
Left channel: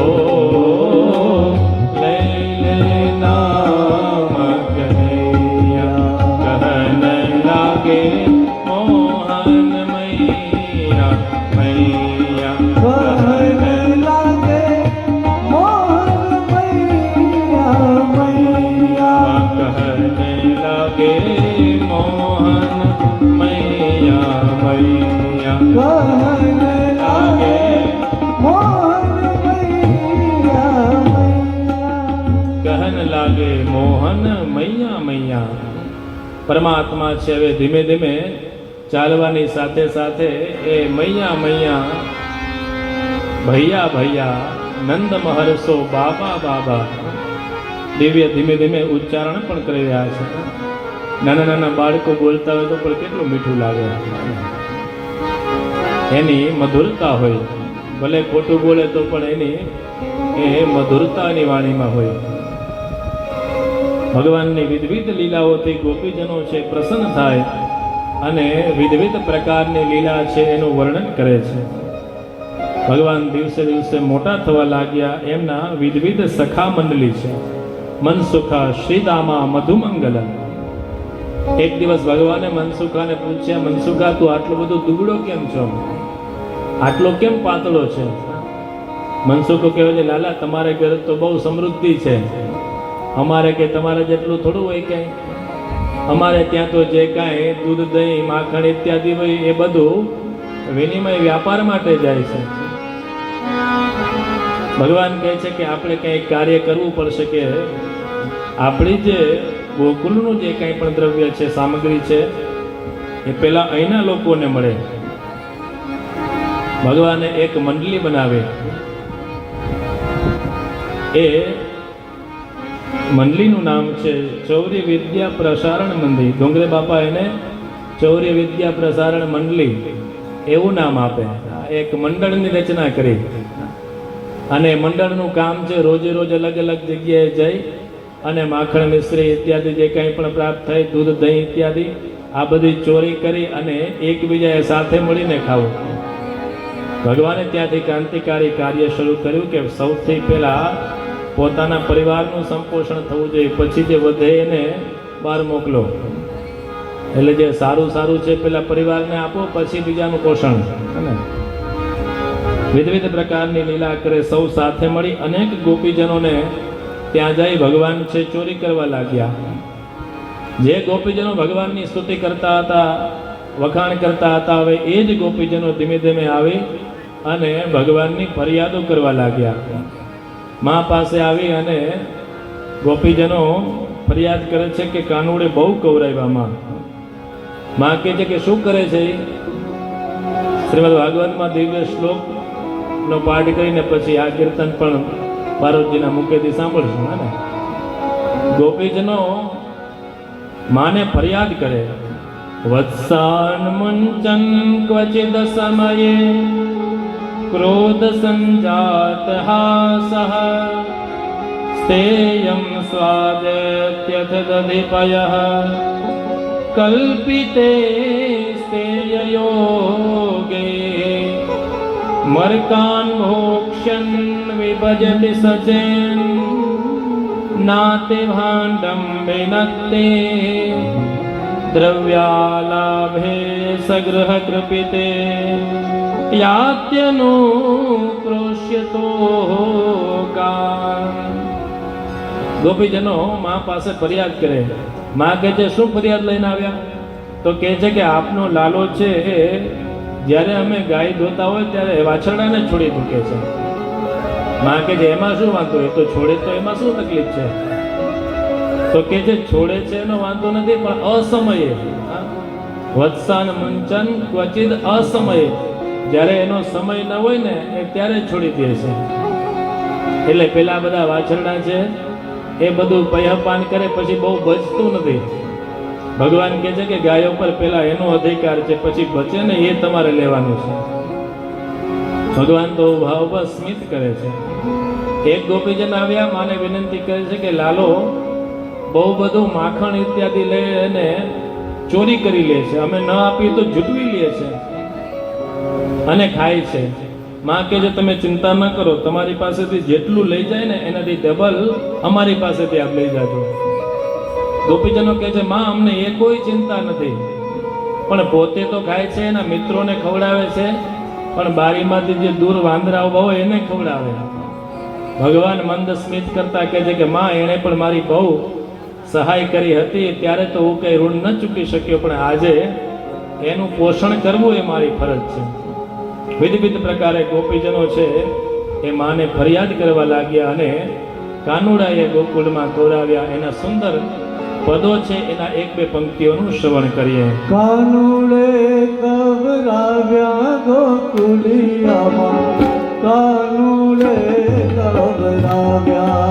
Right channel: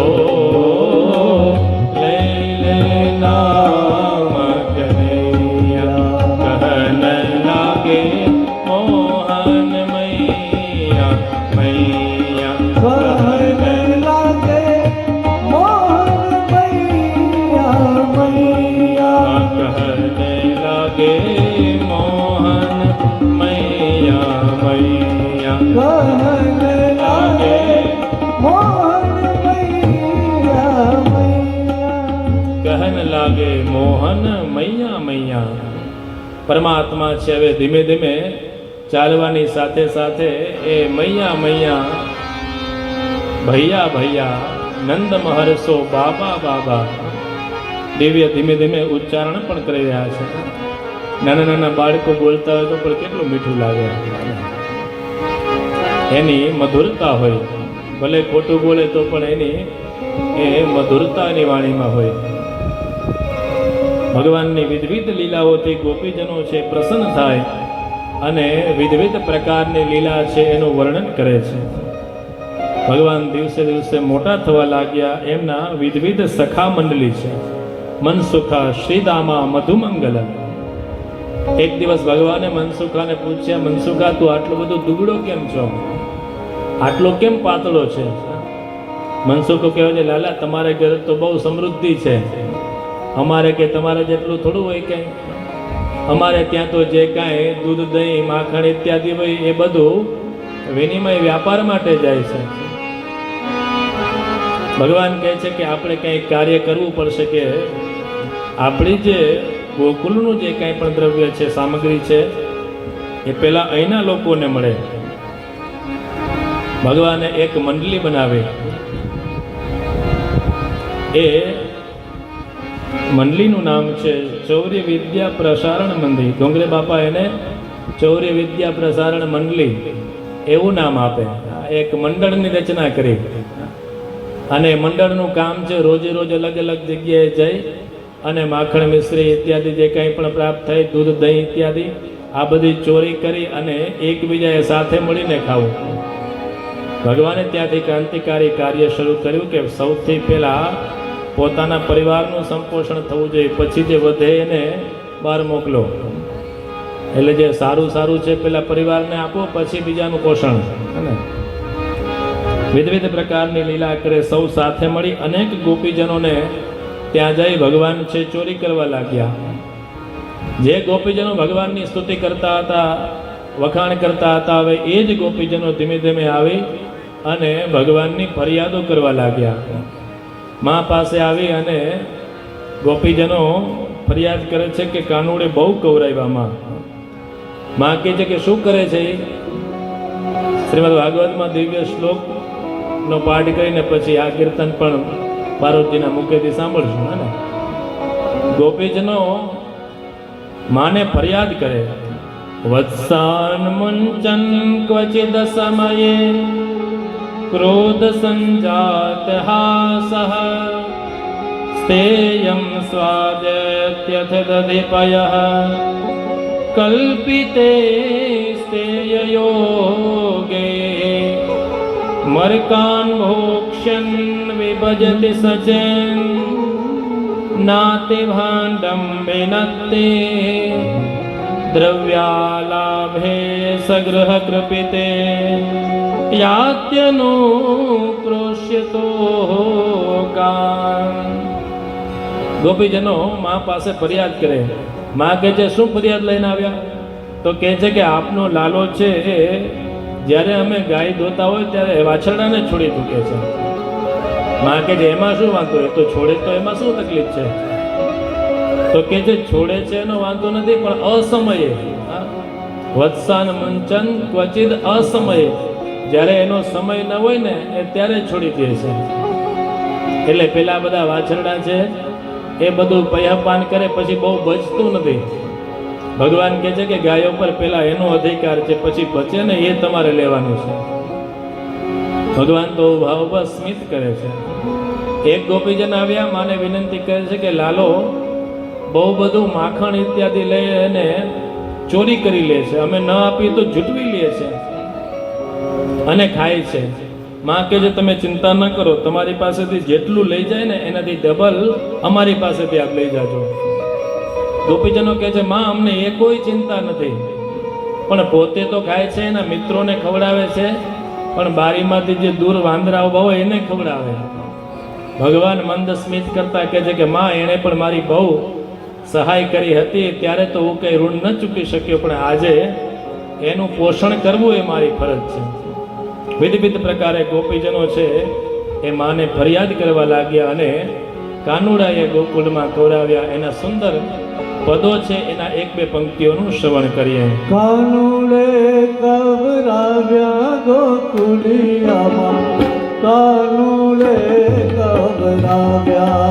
लैले नाम कन्हैया, कहन लागे मोहन मैया मैया, કહન લાગે મોહન મૈયા મૈયા, कहन लागे मोहन मैया मैया, કહન લાગે મોહન મૈયા મૈયા, कहन लागे मोहन मैया मैया. પરમાત્મા છે હવે ધીમે ધીમે ચાલવાની સાથે સાથે એ મૈયા મૈયા, ભૈયા ભૈયા, નંદ મહર્ષો બાબા બાબા દિવ્ય ધીમે ધીમે ઉચ્ચારણ પણ કરી રહ્યા છે. નાના નાના બાળકો બોલતા હોય તો પણ કેટલું મીઠું લાગે. એની મધુરતા હોય, ભલે ખોટું બોલે તો પણ એની એ મધુરતાની વાણીમાં હોય. ભગવાનની વિવિધ લીલાઓથી ગોપીજનો છે પ્રસન્ન થાય અને વિવિધ પ્રકારની લીલા છે એનું વર્ણન કરે છે. ભગવાન દિવસે દિવસે મોટા થવા લાગ્યા. એમના વિવિધ સખા મંડળી છે. મનસુખા, શ્રીદામા, મધુમંગલ. એક દિવસ ભગવાને મનસુખાને પૂછ્યા, મનસુખા તું આટલો બધો દુબળો કેમ છો, આટલો કેમ પાતળો છે? મનસુખો કહેવાય છે, લાલા તમારે ઘરે તો બહુ સમૃદ્ધિ છે, અમારે કે તમારે જેટલું થોડું હોય કે અમારે ત્યાં તો જે કાંઈ દૂધ દહીં માખણ ઇત્યાદિ હોય એ બધું વિનિમય વ્યાપાર માટે જાય છે. ભગવાન કહે છે કે આપણે કંઈ કાર્ય કરવું પડશે કે આપણી જે ગોકુલનું જે કંઈ પણ દ્રવ્ય છે, સામગ્રી છે, એ પહેલાં અહીંના લોકોને મળે. ભગવાને એક મંડળી બનાવી. એ મંડળીનું નામ છે ચૌર્ય વિદ્યા પ્રસારણ મંડળી. ડોંગરે બાપા એને ચૌર્ય વિદ્યા પ્રસારણ મંડળી એવું નામ આપે. એક મંડળની રચના કરી અને મંડળનું કામ છે રોજે રોજ અલગ અલગ જગ્યાએ જઈ અને માખણ મિશ્રી ઇત્યાદિ જે કંઈ પણ પ્રાપ્ત થાય, દૂધ દહીં ઇત્યાદિ, આ બધી ચોરી કરી અને એકબીજાએ સાથે મળીને ખાવું. ભગવાને ત્યાંથી ક્રાંતિકારી કાર્ય શરૂ કર્યું કે સૌથી પહેલાં પોતાના પરિવારનું સંપોષણ થવું જોઈએ, પછી જે વધે એને બહાર મોકલો. એટલે જે સારું સારું છે પેલા પરિવારને આપો, પછી બીજાનું પોષણ. વિવિધ પ્રકારની લીલા કરે. સૌ સાથે મળી અનેક ગોપીજનોને ત્યાં જઈ ભગવાન છે ચોરી કરવા લાગ્યા. જે ગોપીજનો ભગવાનની સ્તુતિ કરતા હતા, વખાણ કરતા હતા, હવે એ જ ગોપીજનો ધીમે ધીમે આવી અને ભગવાનની ફરિયાદો કરવા લાગ્યા. મા પાસે આવી અને ગોપીજનો ફરિયાદ કરે છે કે કાનુડે બહુ કવરાવ્યામાં. મા કહે છે કે શું કરે છે? શ્રીમદ ભાગવતમાં દિવ્ય શ્લોકનો પાઠ કરીને પછી આ કીર્તન પણ પાર્વતીના મુખેથી સાંભળશું. હે ને? ગોપીજનો માને ફરિયાદ કરે, વત્સાન મુંચન ક્વચિદ સમયે ક્રોધ સંજાત હાસઃ સ્થેયં સ્વાદત્યથ દધિપયઃ કલ્પિતે સ્થેયયોગે મર્કાન મોક્ષન વિભજતિ સચેન નાતિ ભાંડમ વિનત્તે દ્રવ્યાલાભે સગૃહ કૃપિતે યાત્યનો ક્રોશ્યતો કામ. ગોપીજનો મા પાસે ફરિયાદ કરે. મા કહે છે શું ફરિયાદ લઈને આવ્યા? તો કહે છે કે આપનો લાલો છે જ્યારે અમે ગાય ધોતા હોય ત્યારે વાછરડાને છોડી મૂકે છે. મા કહે છે એમાં શું વાંધો? એ તો છોડે તો એમાં શું તકલીફ છે? તો કહે છે છોડે છે એનો વાંધો નથી, પણ અસમયે. વત્સાન મુંચન ક્વચિદ અસમયે, જ્યારે એનો સમય ન હોય ને એ ત્યારે છોડી દે છે. એટલે પેલા બધા વાછરડા છે એ બધું પૈયાપાન કરે પછી બહુ બચતું નથી. ભગવાન કહે છે કે ગાયો પર પેલા એનો અધિકાર છે, પછી બચે ને એ તમારે લેવાનું છે. ભગવાન તો ભાવ સ્મિત કરે છે. એક ગોપીજન આવ્યા, માને વિનંતી કરે છે કે લાલો બહુ બધું માખણ ઇત્યાદિ લે અને ચોરી કરી લે છે, અમે ન આપીએ તો જૂટવી લે છે અને ખાય છે. માં કહે છે તમે ચિંતા ન કરો, તમારી પાસેથી જેટલું લઈ જાય ને એનાથી ડબલ અમારી પાસેથી આપ લઈ જાજો. ગોપીજનો કહે છે માં અમને એ કોઈ ચિંતા નથી, પણ પોતે તો ખાય છે, એના મિત્રોને ખવડાવે છે, પણ બારીમાંથી જે દૂર વાંદરા ઉભા હોય એને ખવડાવે. ભગવાન મંદ સ્મિત કરતા કહે છે કે માં એણે પણ મારી બહુ સહાય કરી હતી, ત્યારે તો હું કંઈ ઋણ ન ચૂકી શક્યો, પણ આજે એનું પોષણ કરવું એ મારી ફરજ છે. વિવિધ પ્રકારે ગોપીજનો છે એ માને ફરિયાદ કરવા લાગ્યા અને કાનુડાએ ગોકુળમાં કોરાવ્યા. એના સુંદર પદો છે, એના એક બે પંક્તિઓનું શ્રવણ કરીએ. કાનુડે કવરાવ્યા ગોકુળિયામાં, કાનુડે કવરાવ્યા.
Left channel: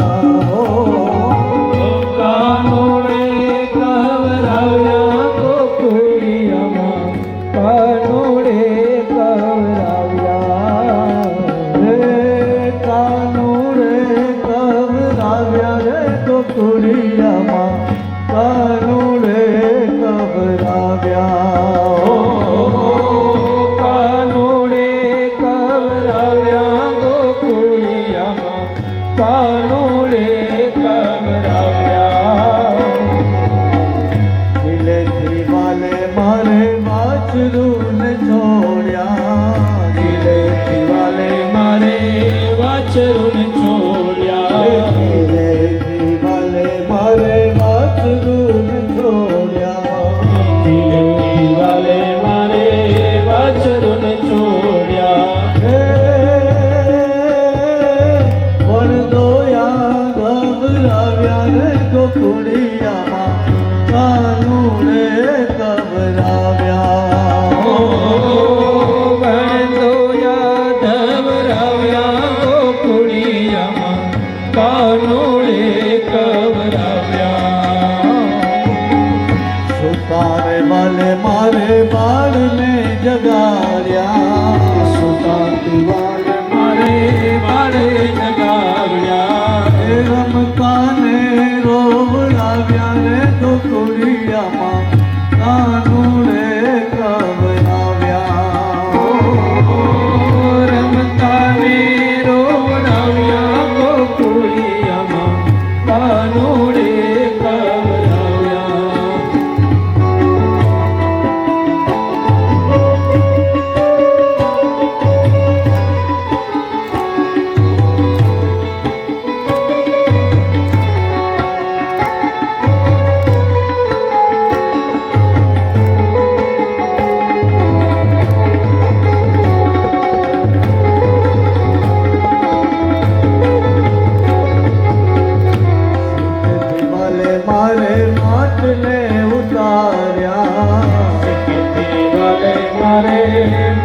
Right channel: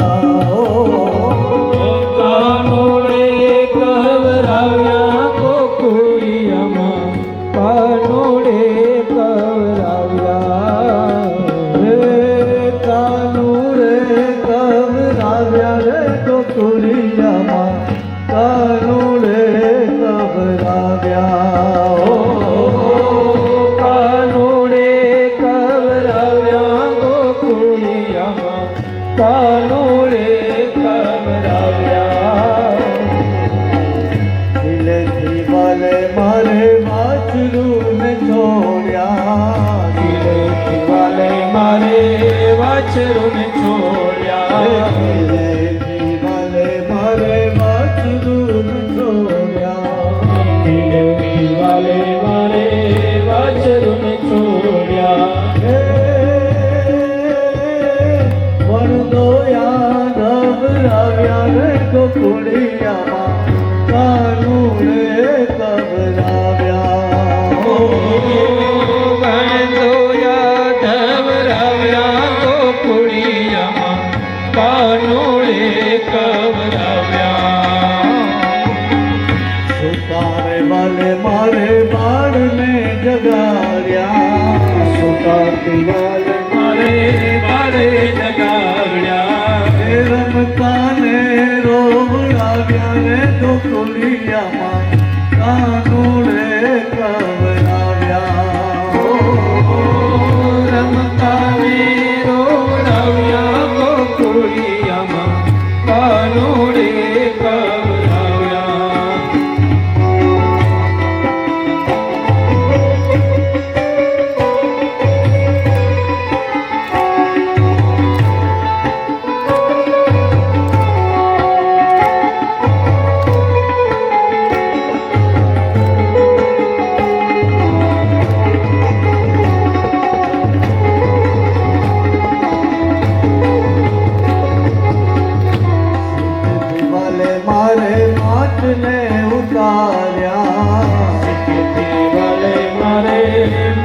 મારે માટને ઉતાર્યા સીકેથી વાલે મારે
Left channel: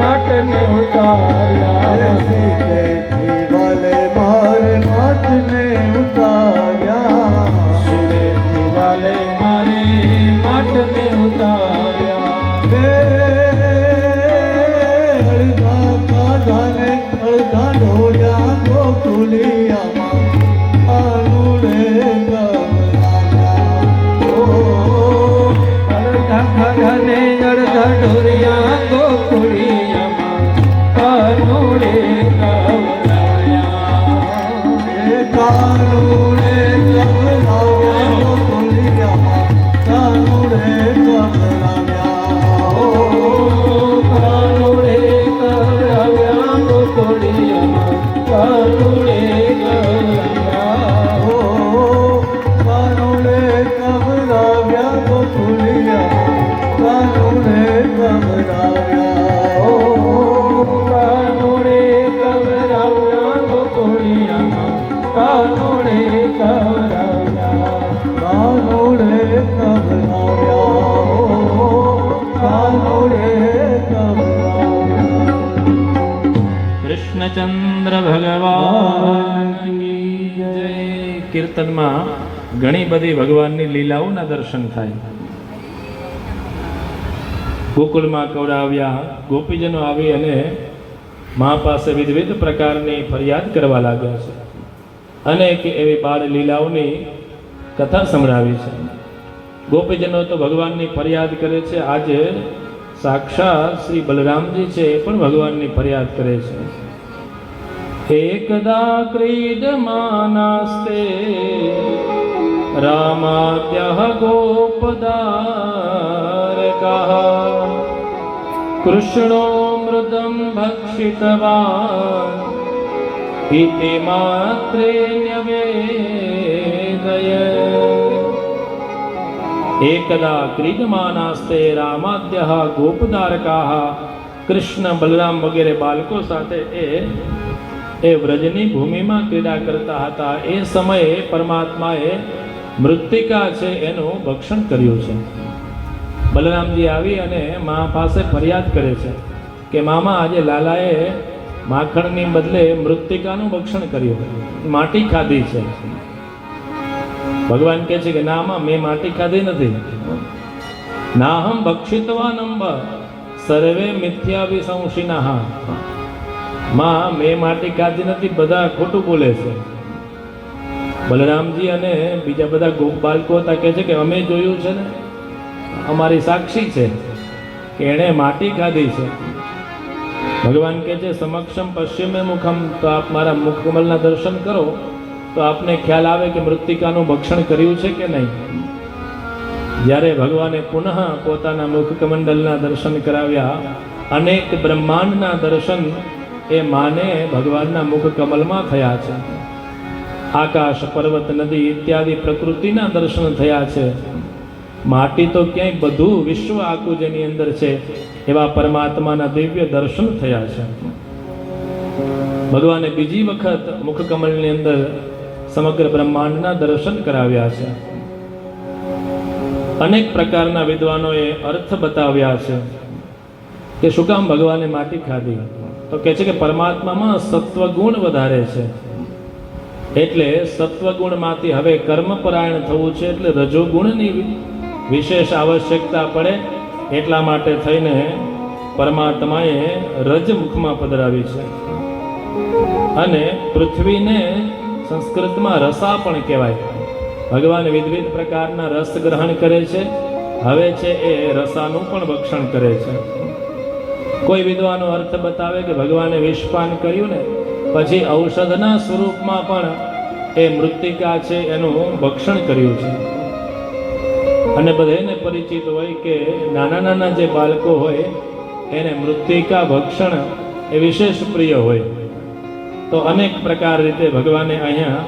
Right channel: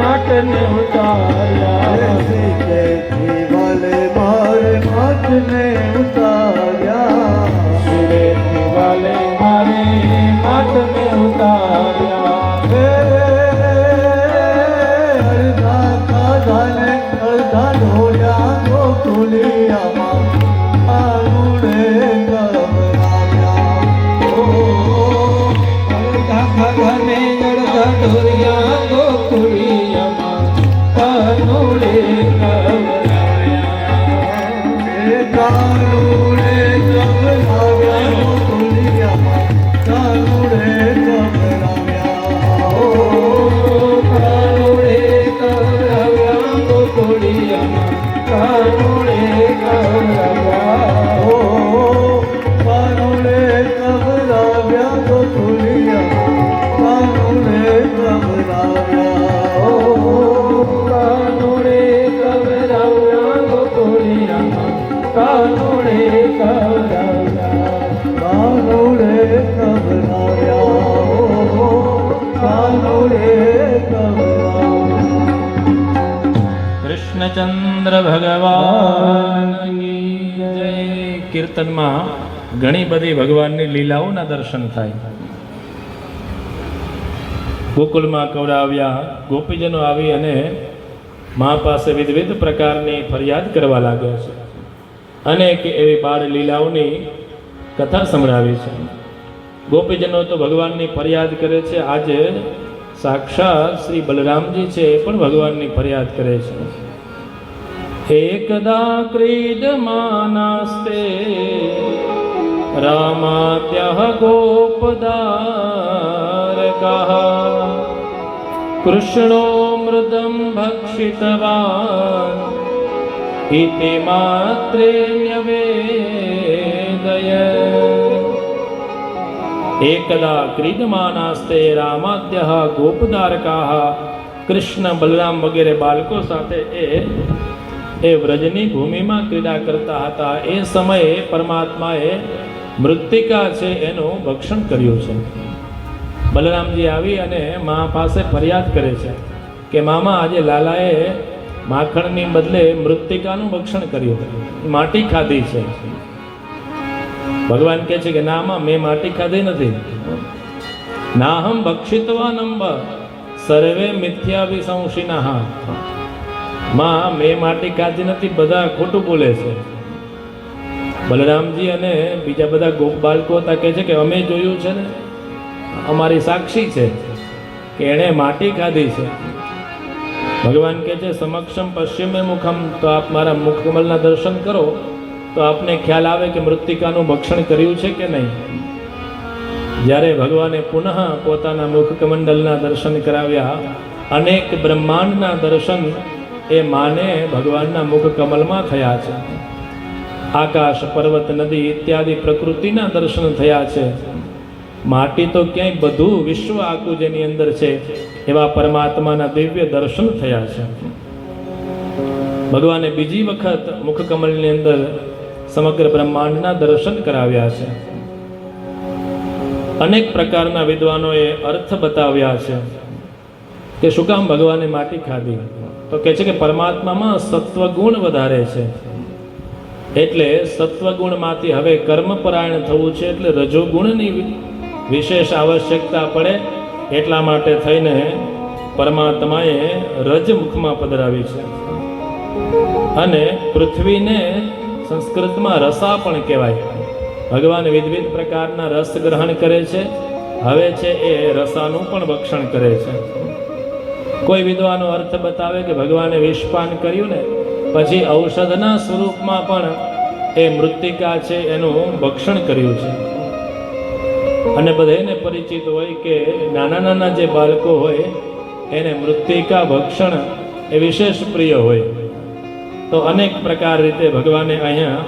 માટને ઉતાર્યા સીકેથી વાલે મારે માટને ઉતાર્યા સીકેથી વાલે મારે માટને ઉતાર્યા અડધા ખાધા ને અડધા ઢોળ્યા ગોકુલિયામાં આનુડે ગવરાવ્યા અડધા ખાધા ને અડધા ઢોર્યા ગોકુળિયામાં કાનુડે કવરાયા કાનુડે ગવરાવ્યા ગોકુલિયામાં કાનુડે ગવરાવ્યા કાનુડે કવરાવ્યા ગોકુળિયામાં કાનુડે કવરાવ્યા કાનુડે ગવરાવ્યા ગોકુલિયામાં કાનુડે ગવરાવ્યા કાનુડે કવરાવ્યા ગોકુળિયામાં કાનુડે કવરાવ્યા કાનુડે ગવરાવ્યા કાનુડે ગવરાવ્યા કૃષ્ણચંદ્ર ભગવાનની જય. કીર્તનમાં ઘણી બધી ભગવાનની લીલાઓના દર્શન થાય. ગોકુળમાં કવડાવ્યા, ગોપીજનો આવી અને મા પાસે વિવિધ પ્રકારની ફરિયાદ કરવા લાગ્યા છે. અનેક એવી બાળ લીલાઓની કથા સંભળાવી છે. ગોપીજનો તો ભગવાનની ફરિયાદ કરે છે. આજે સાક્ષાત શ્રી બલરામજી છે એ પણ ભગવાનની ફરિયાદ કરે છે. એકદા ક્રીડમાનાસ્તે રામાદ્યઃ ગોપદારકઃ કૃષ્ણો મૃદં ભક્ષિતવાન ઇતિ માત્રે ન્યવેદય. એકદા ક્રીડમાનાસ્તે રામાદ્યઃ ગોપદારકાઃ. કૃષ્ણ બલરામ વગેરે બાળકો સાથે એ વ્રજની ભૂમિમાં ક્રીડા કરતા હતા. એ સમયે પરમાત્માએ મૃત્તિકા છે એનું ભક્ષણ કર્યું છે. બલરામજી આવી અને મા પાસે ફરિયાદ કરે છે કે મામા આજે લાલાએ માખણની બદલે મૃત્તિકાનું ભક્ષણ કર્યું, માટી ખાધી છે. ભગવાન કહે છે કે ના માં, મેં માટી ખાધી નથી. નાહમ ભક્ષિતવાનંબ સર્વે મિથ્યાવિસંશિનઃ. માં, મેં માટી ખાધી નથી, બધા ખોટું બોલે છે. બલરામજી અને બીજા બધા ગોપ બાળકો હતા, કહે છે કે અમે જોયું છે ને, અમારી સાક્ષી છે કે એણે માટી ખાધી છે. ભગવાન કહે છે સમક્ષમ પશ્ચિમે મુખમ. તો આપ મારા મુખકમલના દર્શન કરો તો આપને ખ્યાલ આવે કે મૃત્તિકાનું ભક્ષણ કર્યું છે કે નહીં. જ્યારે ભગવાને પુનઃ પોતાના મુખકમંડલના દર્શન કરાવ્યા, અનેક બ્રહ્માંડના દર્શન એ માને ભગવાનના મુખકમલમાં થયા છે. આકાશ, પર્વત, નદી ઇત્યાદિ પ્રકૃતિના દર્શન થયા છે. માટી તો ક્યાંય બધું વિશ્વ આખું જેની અંદર છે એવા પરમાત્માના દિવ્ય દર્શન થયા છે. ભગવાને બીજી વખત મુખકમલની અંદર સમગ્ર બ્રહ્માંડના દર્શન કરાવ્યા છે. અનેક પ્રકારના વિદ્વાનોએ અર્થ બતાવ્યા છે કે શું કામ ભગવાને માટી ખાધી. તો કહે છે કે પરમાત્મામાં સત્વગુણ વધારે છે, એટલે સત્વગુણમાંથી હવે કર્મપરાયણ થવું છે, એટલે રજોગુણની વિશેષ આવશ્યકતા પડે. એટલા માટે થઈને પરમાત્માએ રજમુખમાં પધરાવી છે. અને પૃથ્વીને સંસ્કૃતમાં રસા પણ કહેવાય. ભગવાન વિવિધ પ્રકારના રસ ગ્રહણ કરે છે. હવે છે એ રસાનું પણ ભક્ષણ કરે છે. કોઈ વિદ્વાનો અર્થ બતાવે કે ભગવાને વિષપાન કર્યું ને પછી ઔષધના સ્વરૂપમાં પણ એ મૃત્તિકા છે એનું ભક્ષણ કર્યું છે. અને બધાને પરિચિત હોય કે નાના નાના જે બાળકો હોય એને મૃત્તિકા ભક્ષણ એ વિશેષ પ્રિય હોય. તો અનેક પ્રકાર રીતે ભગવાને અહીંયા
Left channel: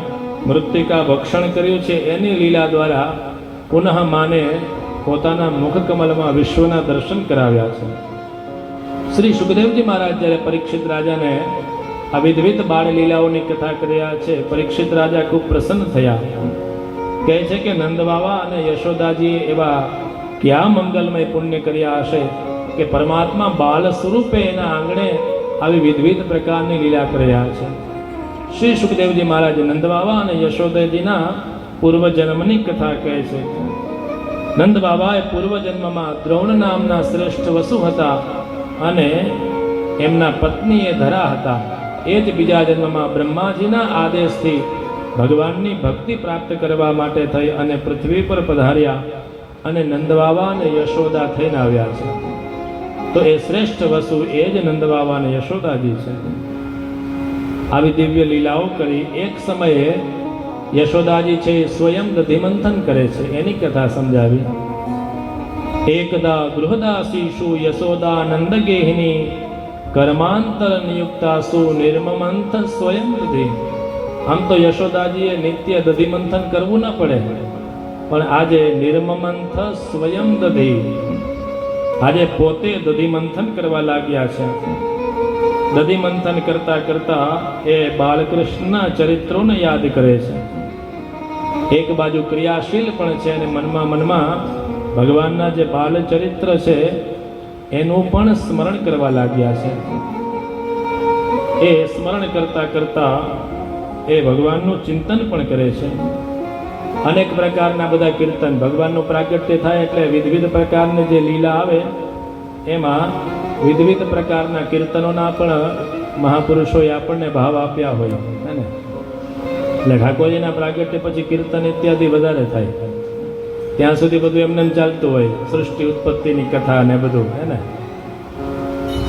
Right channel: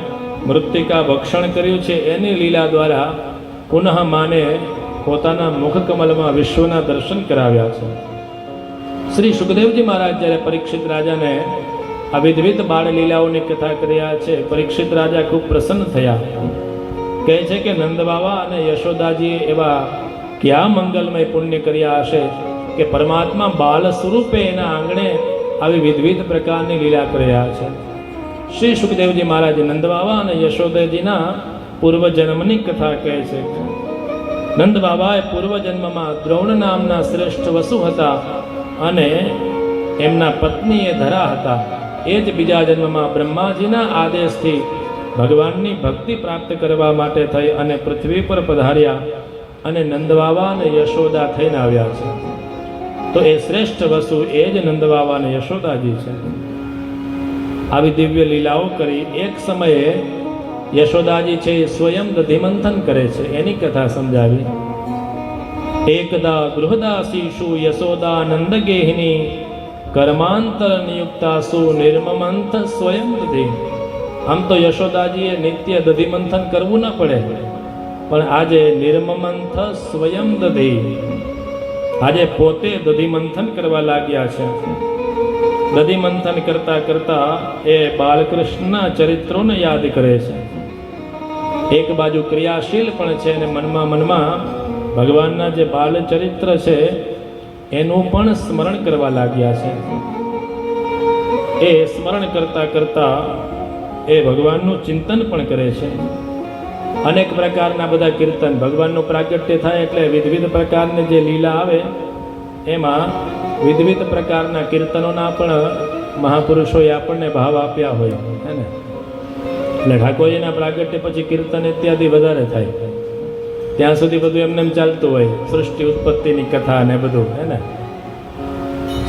મૃત્તિકા ભક્ષણ કર્યું છે. એની લીલા દ્વારા પુનઃ માને પોતાના મુખકમલમાં વિશ્વના દર્શન કરાવ્યા છે. શ્રી સુખદેવજી મહારાજ જ્યારે પરીક્ષિત રાજાને આ વિવિધ બાળ લીલાઓની કથા કર્યા છે, પરીક્ષિત રાજા ખૂબ પ્રસન્ન થયા કહે છે કે નંદ બાવા અને યશોદાજીએ એવા ક્યાં મંગલમય પુણ્ય કર્યા હશે કે પરમાત્મા બાલ સ્વરૂપે એના આંગણે આવી વિવિધ પ્રકારની લીલા કર્યા છે. શ્રી સુખદેવજી મહારાજ નંદ બાવા અને યશોદાજીના પૂર્વજન્મની કથા કહે છે. નંદ બાબાએ પૂર્વજન્મમાં દ્રૌણ નામના શ્રેષ્ઠ વસુ હતા અને એમના પત્ની એ ધરા હતા. એ જ બીજા જન્મમાં બ્રહ્માજીના આદેશથી ભગવાનની ભક્તિ પ્રાપ્ત કરવા માટે થઈ અને પૃથ્વી પર પધાર્યા અને નંદ બાવા અને યશોદા થઈને આવ્યા છે. તો એ શ્રેષ્ઠ વસુ એ જ નંદ બાવા અને યશોદાજી છે. આવી દિવ્ય લીલાઓ કરી એક સમયે યશોદાજી છે એ સ્વયં દધિમંથન કરે છે. એની કથા સમજાવી. એકદા ગૃહદાસીષુ યશોદા નંદગેહિની કર્માંતર નિયુક્તાસુ નિર્મમંથ સ્વયં દધિ. આમ તો યશોદાજીએ નિત્ય દધિમંથન કરવું ન પડે, પણ આજે નિર્મમંથ સ્વયં દધિ, આજે પોતે દધિમંથન કરવા લાગ્યા છે. દધિમંથન કરતા કરતા એ બાલકૃષ્ણના ચરિત્રોને યાદ કરે છે. એક બાજુ ક્રિયાશીલ પણ છે અને મનમાં ભગવાનના જે બાલ ચરિત્ર છે એનું પણ સ્મરણ કરવા લાગ્યા છે. એ સ્મરણ કરતા કરતા એ ભગવાનનું ચિંતન પણ કરે છે. અનેક પ્રકારના બધા કીર્તન, ભગવાનનું પ્રાગટ્ય થાય એટલે વિવિધ પ્રકારની જે લીલા આવે એમાં વિવિધ પ્રકારના કીર્તનોના પણ મહાપુરુષોએ આપણને ભાવ આપ્યા હોય હે ને. એટલે ઠાકોરજીના પ્રાગટ્ય પછી કીર્તન ઇત્યાદિ વધારે થાય. ત્યાં સુધી બધું એમને ચાલતું હોય, સૃષ્ટિ ઉત્પત્તિની કથા ને બધું હે ને.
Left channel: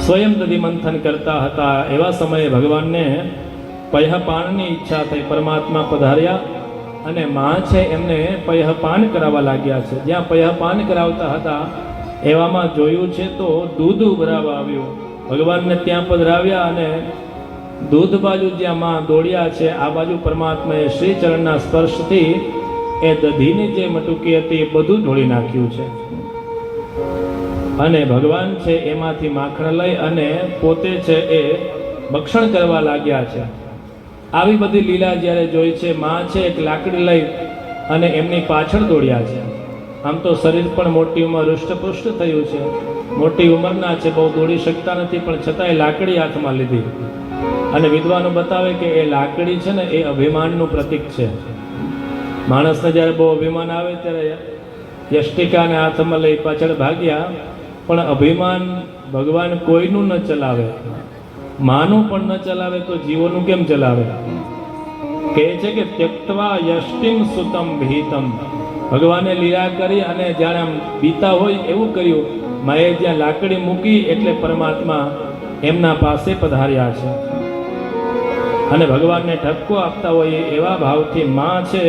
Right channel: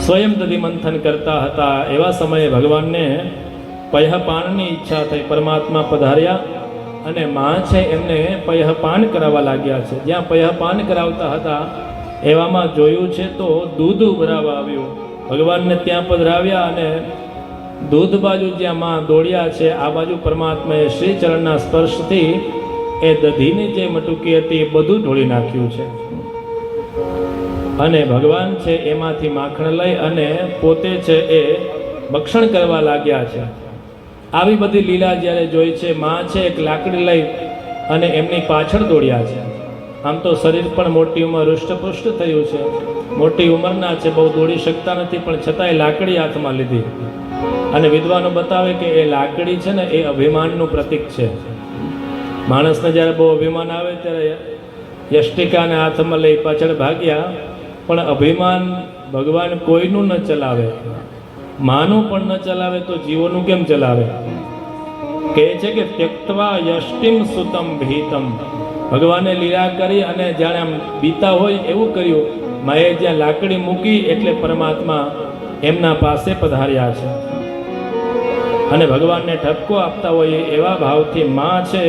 સ્વયં દધિમંથન કરતા હતા એવા સમયે ભગવાનને પયઃપાનની ઈચ્છા થઈ. પરમાત્મા પધાર્યા અને માં છે એમને પયઃપાન કરાવવા લાગ્યા છે. જ્યાં પયઃપાન કરાવતા હતા એવામાં જોયું છે તો દૂધ ઉભરાવા આવ્યું. ભગવાનને ત્યાં પધરાવ્યા અને દૂધ બાજુ જ્યાં માં દોડ્યા છે આ બાજુ પરમાત્માએ શ્રી ચરણના સ્પર્શથી એ દધીની જે મટુકી હતી એ બધું ઢોળી નાખ્યું છે અને ભગવાન છે એમાંથી માખણ લઈ અને પોતે છે એ ભક્ષણ કરવા લાગ્યા છે. આવી બધી લીલા જ્યારે જોઈ છે, માં છે એક લાકડી લઈ અને એમની પાછળ દોડ્યા છે. આમ તો શરીર પણ મોટી ઉંમર હૃષ્ટપુષ્ટ થયું છે, મોટી ઉંમરના છે, બહુ દોડી શકતા નથી, પણ છતાંય લાકડી હાથમાં લીધી. અને વિદ્વાનો બતાવે કે એ લાકડી છે ને એ અભિમાનનું પ્રતીક છે. માણસને જ્યારે બહુ અભિમાન આવે ત્યારે યષ્ટિકાને હાથમાં લઈ પાછળ ભાગ્યા, પણ અભિમાન ભગવાન કોઈનું ન ચલાવે, માનું પણ ન ચલાવે તો જીવોનું કેમ ચલાવે? કહે છે કે ત્યક્તવા યષ્ટિમ સુતમ ભીતમ. ભગવાને લીલા કરી અને જાણે આમ બીતા હોય એવું કર્યું. માએ જ્યાં લાકડી મૂકી એટલે પરમાત્મા એમના પાસે પધાર્યા છે અને ભગવાનને ઠપકો આપતા હોય એવા ભાવથી માં છે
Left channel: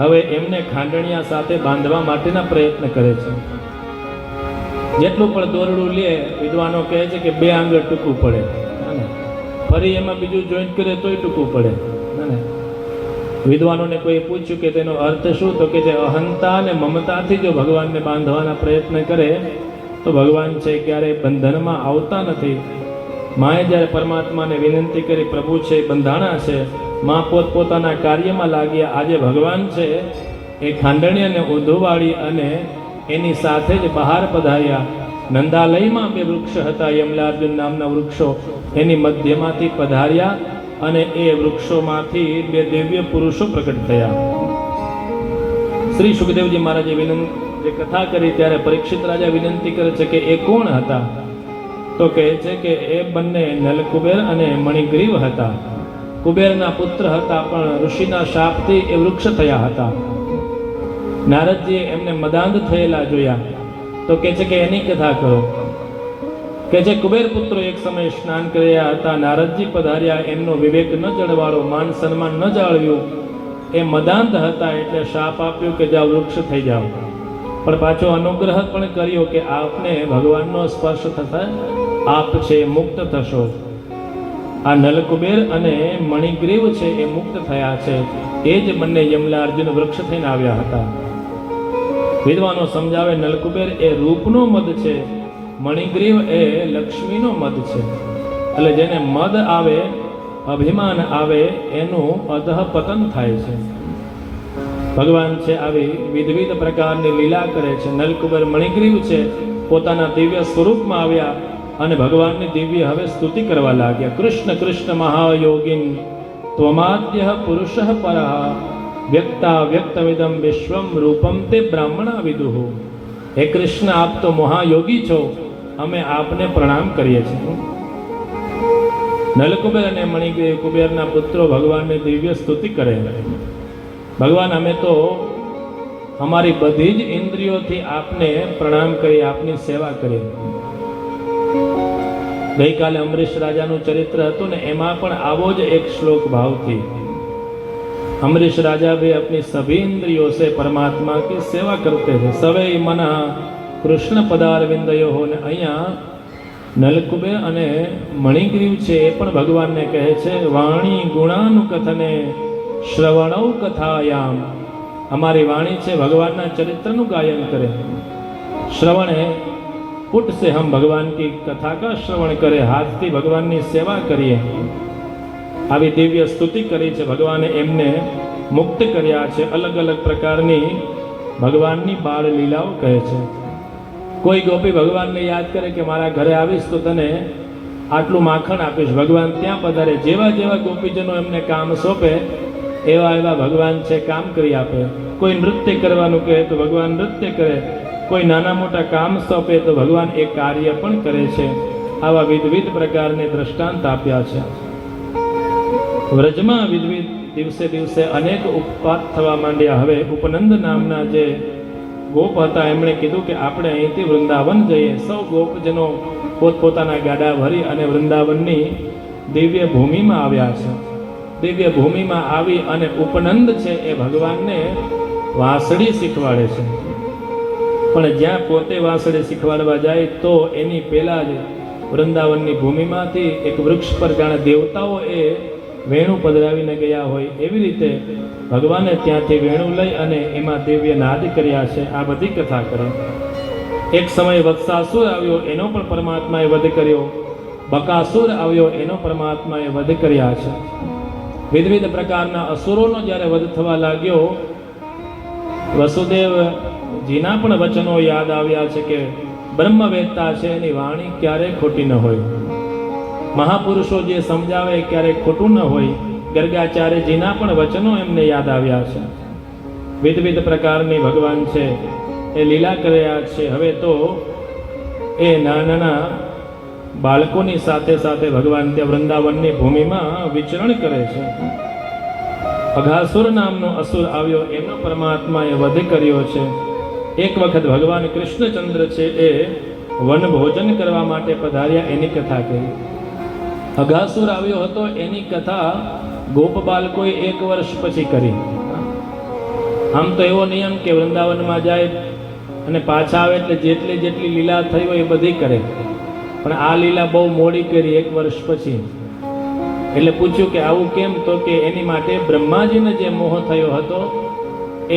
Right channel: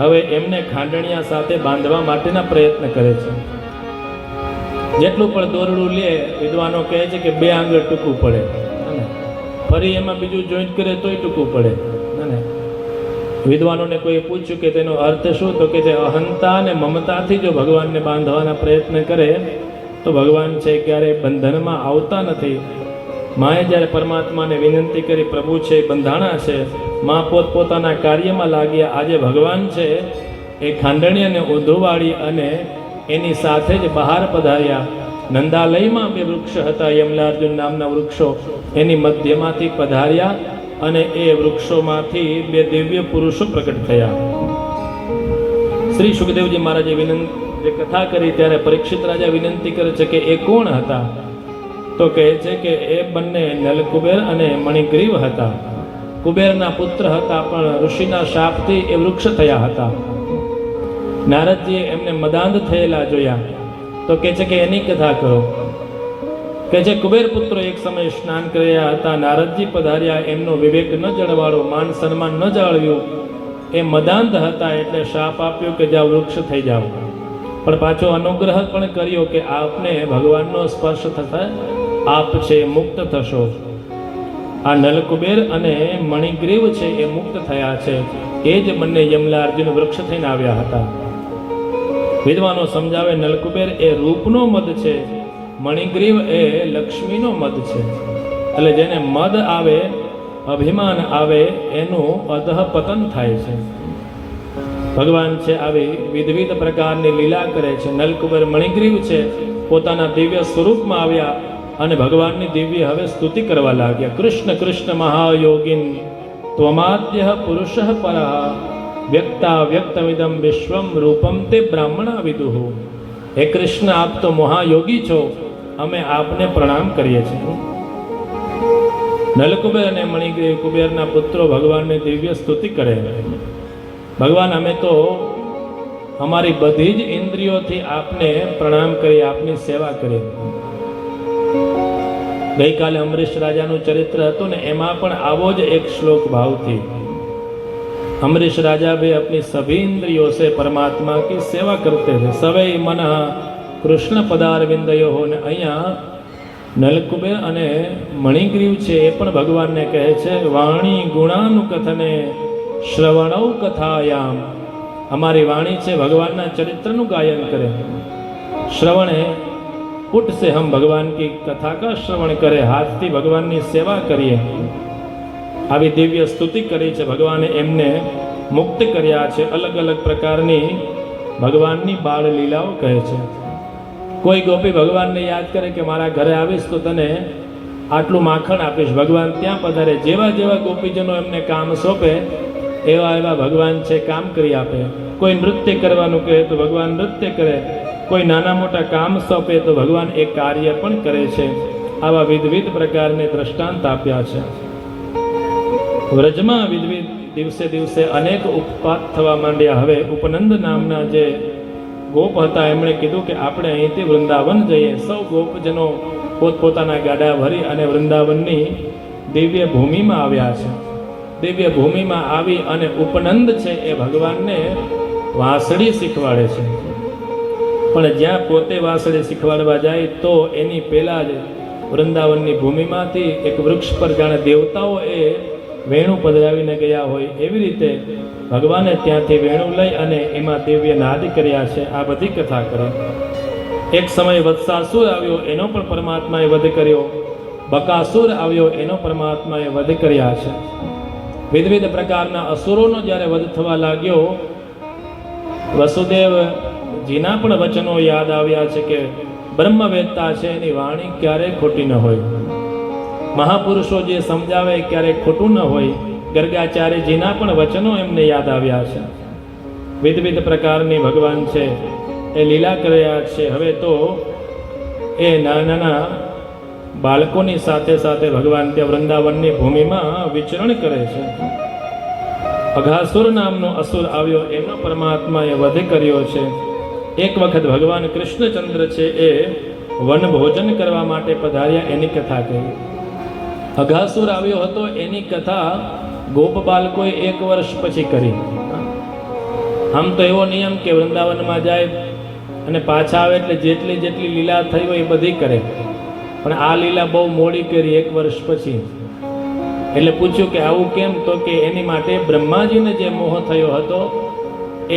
હવે એમને ખાંડણિયા સાથે બાંધવા માટેના પ્રયત્ન કરે છે. જેટલું પણ દોરડું લે, વિદ્વાનો કહે છે કે 2 આંગળ ટૂંકું પડે, ફરી એમાં બીજું જોઈન્ટ કરે તોય ટૂંકું પડે. વિદ્વાનોને કોઈ પૂછ્યું કે તેનો અર્થ શું, તો કે જે અહંતા અને મમતાથી જો ભગવાનને બાંધવાના પ્રયત્ન કરે તો ભગવાન છે ક્યારે બંધનમાં આવતા નથી. માએ જ્યારે પરમાત્માને વિનંતી કરી, પ્રભુ છે બંધાણા છે, માં પોતપોતાના કાર્યમાં લાગ્યા. આજે ભગવાન છે એ ખાંડણીને ઊંધુવાળી અને એની સાથે જ બહાર પધાર્યા. નંદાલયમાં 2 વૃક્ષ હતા, યમલાર્જુન નામના વૃક્ષો, એની મધ્યમાંથી પધાર્યા અને એ વૃક્ષોમાંથી 2 દિવ્ય પુરુષો પ્રકટ થયા. શ્રી સુખદેવજી મહારાજે જે કથા કરી ત્યારે પરીક્ષિત રાજા વિનંતી કરે છે કે એ કોણ હતા? તો કહે છે કે એ બંને નલકુબેર અને મણિગ્રીવ હતા. કુબેરના પુત્ર હતા, પણ ઋષિના શાપથી એ વૃક્ષ થયા હતા. નારદજીએ એમને મદાંધ થયેલા જોયા તો કહે છે કે એની કથા કરો. કે જે કુબેર પુત્રો એક સમયે સ્નાન કર્યા હતા, નારદજી પધાર્યા, એમનો વિવેક ન જળવાળો, માન સન્માન ન જાળવ્યું, એ મદાંધ હતા એટલે શાપ આપ્યો કે જાઓ વૃક્ષ થઈ જાઓ. પણ પાછો અનુગ્રહ પણ કર્યો કે આપને ભગવાનનો સ્પર્શ થતા આપ છે મુક્ત થશો. આ નલકુબેર અને મણિગ્રીવ છે એ મુક્ત થયા છે. એ જ બંને યમલા અર્જુન વૃક્ષ થઈને આવ્યા હતા. વિદ્વાનો સમજાવે, નલકુબેર એ રૂપનો મદ છે, મણિગ્રીવ એ લક્ષ્મીનો મદ છે. એટલે જેને મદ આવે, અભિમાન આવે, એનું અધઃ પતન થાય છે. ભગવાન છે આવી વિવિધ પ્રકારની લીલા કરે છે. નલકુબર મણિગ્રીવ છે પોતાના દિવ્ય સ્વરૂપમાં આવ્યા અને ભગવાનની દિવ્ય હવે સ્તુતિ કરવા લાગ્યા. કૃષ્ણ કૃષ્ણ મહાયોગીન ત્વમાદ્ય પુરુષ પરઃ વ્યક્તા વ્યક્તમિદમ વિશ્વમ રૂપમ તે બ્રાહ્મણા વિદુહુ. હે કૃષ્ણ, આપ તો મહાયોગી છો, અમે આપને પ્રણામ કરીએ છીએ. નલકુબેર અને મણિગ્રીવ કુબેરના પુત્રો ભગવાનની દિવ્ય સ્તુતિ કરે. ભગવાન, અમે તો અમારી બધી જ ઇન્દ્રિયોથી આપને પ્રણામ કરી, આપની સેવા કરી. ગઈકાલે અમરીશ રાજાનું ચરિત્ર હતું ને, એમાં પણ આવો જ એક શ્લોક ભાવથી अमरीश राजा भी अपनी सभी इंद्रियों से परमात्मा की सेवा करते थे. सवै मन કૃષ્ણ પદારવિંદયો હો. ને અહીંયા નલકુબેર અને મણિગ્રીવ છે એ પણ ભગવાનને કહે છે વાણી ગુણાનુકથને શ્રવણૌ કથાયામ. અમારી વાણી છે ભગવાનના ચરિત્રનું ગાયન કરે. શ્રવણે પુટ से हम भगवान की कथा का श्रवण करें, हाथથી ભગવાનની સેવા કરીએ. આવી દિવ્ય સ્તુતિ કરી છે. ભગવાને એમને મુક્ત કર્યા છે. અલગ અલગ પ્રકારની ભગવાનની બાળ લીલાઓ કહે છે. કોઈ ગોપી ભગવાનને યાદ કરે કે મારા ઘરે આવીશ તો તને આટલું માખણ આપીશ, ભગવાન ત્યાં પધારે. જેવા જેવા ગોપીજનો એમને કામ સોંપે એવા એવા ભગવાન છે કામ કરી આપે. કોઈ નૃત્ય કરવાનું કહે તો ભગવાન નૃત્ય કરે. કોઈ નાના મોટા કામ સોંપે તો ભગવાન એ કાર્ય પણ કરે છે. આવા વિવિધ પ્રકારને દ્રષ્ટાંત આપ્યા છે. વ્રજમાં વિવિધ દિવસે દિવસે અનેક ઉપપાત થવા માંડ્યા. હવે ઉપનંદ નામના જે ગોપ હતા એમણે કીધું કે આપણે અહીંથી વૃંદાવન જઈએ. સૌ ગોપજનો પોતપોતાના ગાડા ભરી અને વૃંદાવનની દિવ્ય ભૂમિમાં આવ્યા છે. દિવ્ય ભૂમિમાં આવી અને ઉપનંદ છે એ ભગવાનને વાંસળી શીખવાડે છે. પણ જ્યાં પોતે વાંસળી શીખવાડવા જાય તો એની પહેલા જ વૃંદાવનની ભૂમિમાંથી એક વૃક્ષ પર જાણે દેવતાઓ એ વેણું પધરાવીને ગયા હોય એવી રીતે ભગવાને ત્યાંથી વેણું લઈ અને એમાં દિવ્ય નાદ કર્યા છે. આ બધી કથા કરે. એક સમય વત્સાસુર આવ્યો, એનો પણ પરમાત્માએ વધ કર્યો. બકાસુર આવ્યો, એનો પરમાત્માએ વધ કર્યા છે. વિવિધ પ્રકારના અસુરોનો જ્યારે વધ થવા લાગ્યો, વસુદેવજીના પણ વચનો યાદ આવ્યા છે કે બ્રહ્મવેત્તા છે એની વાણી ક્યારેય ખોટી ન હોય. મહાપુરુષો જે સમજાવે ક્યારેય ખોટું ન હોય. ગર્ગાચાર્યજીના પણ વચનો એમને યાદ આવ્યા છે. વિવિધ પ્રકારની ભગવાન છે એ લીલા કર્યા છે. હવે તો એ નાના બાળકોની સાથે સાથે ભગવાન ત્યાં વૃંદાવનની ભૂમિમાં વિચરણ કરે છે. અઘાસુર નામનો અસુર આવ્યો, એનો પરમાત્માએ વધ કર્યો છે. એક વખત ભગવાન કૃષ્ણચંદ્ર છે એ વન ભોજન કરવા માટે પધાર્યા, એની કથા કહી. અઘાસુર આવ્યો હતો એની કથા ગોપ બાળકોએ 1 વર્ષ પછી કરી. આમ તો એવો નિયમ કે વૃંદાવનમાં જાય અને પાછા આવે એટલે જેટલી જેટલી લીલા થઈ હોય એ બધી કરે. પણ આ લીલા બહુ મોડી કરી 1 વર્ષ પછી. એટલે પૂછ્યું કે આવું કેમ? તો કે એની માટે બ્રહ્માજીને જે મોહ થયો હતો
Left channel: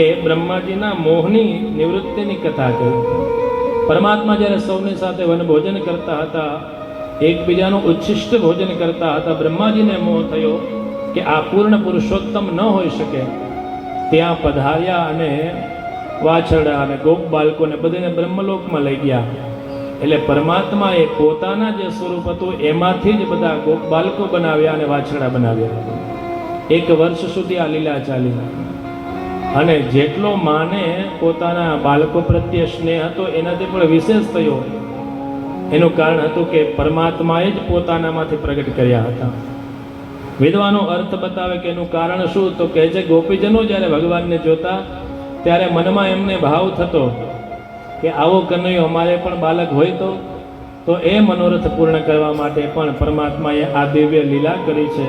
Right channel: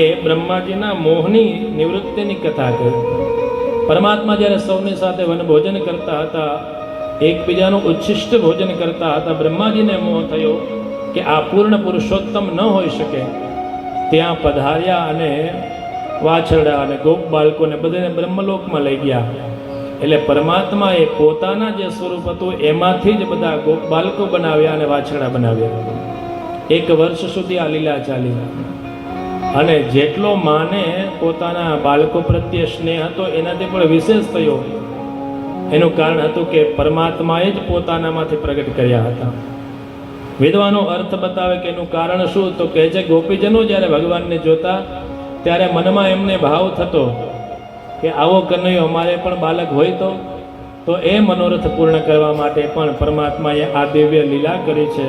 એ બ્રહ્માજીના મોહની નિવૃત્તિની કથા કરી. પરમાત્મા જ્યારે સૌની સાથે વનભોજન કરતા હતા, એકબીજાનું ઉચ્છિષ્ટ ભોજન કરતા હતા, બ્રહ્માજીને મોહ થયો કે આ પૂર્ણ પુરુષોત્તમ ન હોઈ શકે. ત્યાં પધાર્યા અને વાછરડા અને ગોપ બાળકોને બધાને બ્રહ્મલોકમાં લઈ ગયા. એટલે પરમાત્માએ પોતાના જે સ્વરૂપ હતું એમાંથી જ બધા ગોપ બાળકો બનાવ્યા અને વાછરડા બનાવ્યા. 1 વર્ષ સુધી આ લીલા ચાલી. અને જેટલો માને પોતાના બાળકો પ્રત્યે સ્નેહ હતો એનાથી પણ વિશેષ થયો. એનું કારણ હતું કે પરમાત્માએ જ પોતાનામાંથી પ્રગટ કર્યા હતા. વિદ્વાનો અર્થ બતાવે કે એનું કારણ શું? તો કહે છે ગોપીજનો જ્યારે ભગવાનને જોતા ત્યારે મનમાં એમને ભાવ થતો કે આવો કનૈયો અમારે પણ બાળક હોય તો એ મનોરથ પૂર્ણ કરવા માટે પણ પરમાત્માએ આ દિવ્ય લીલા કરી છે.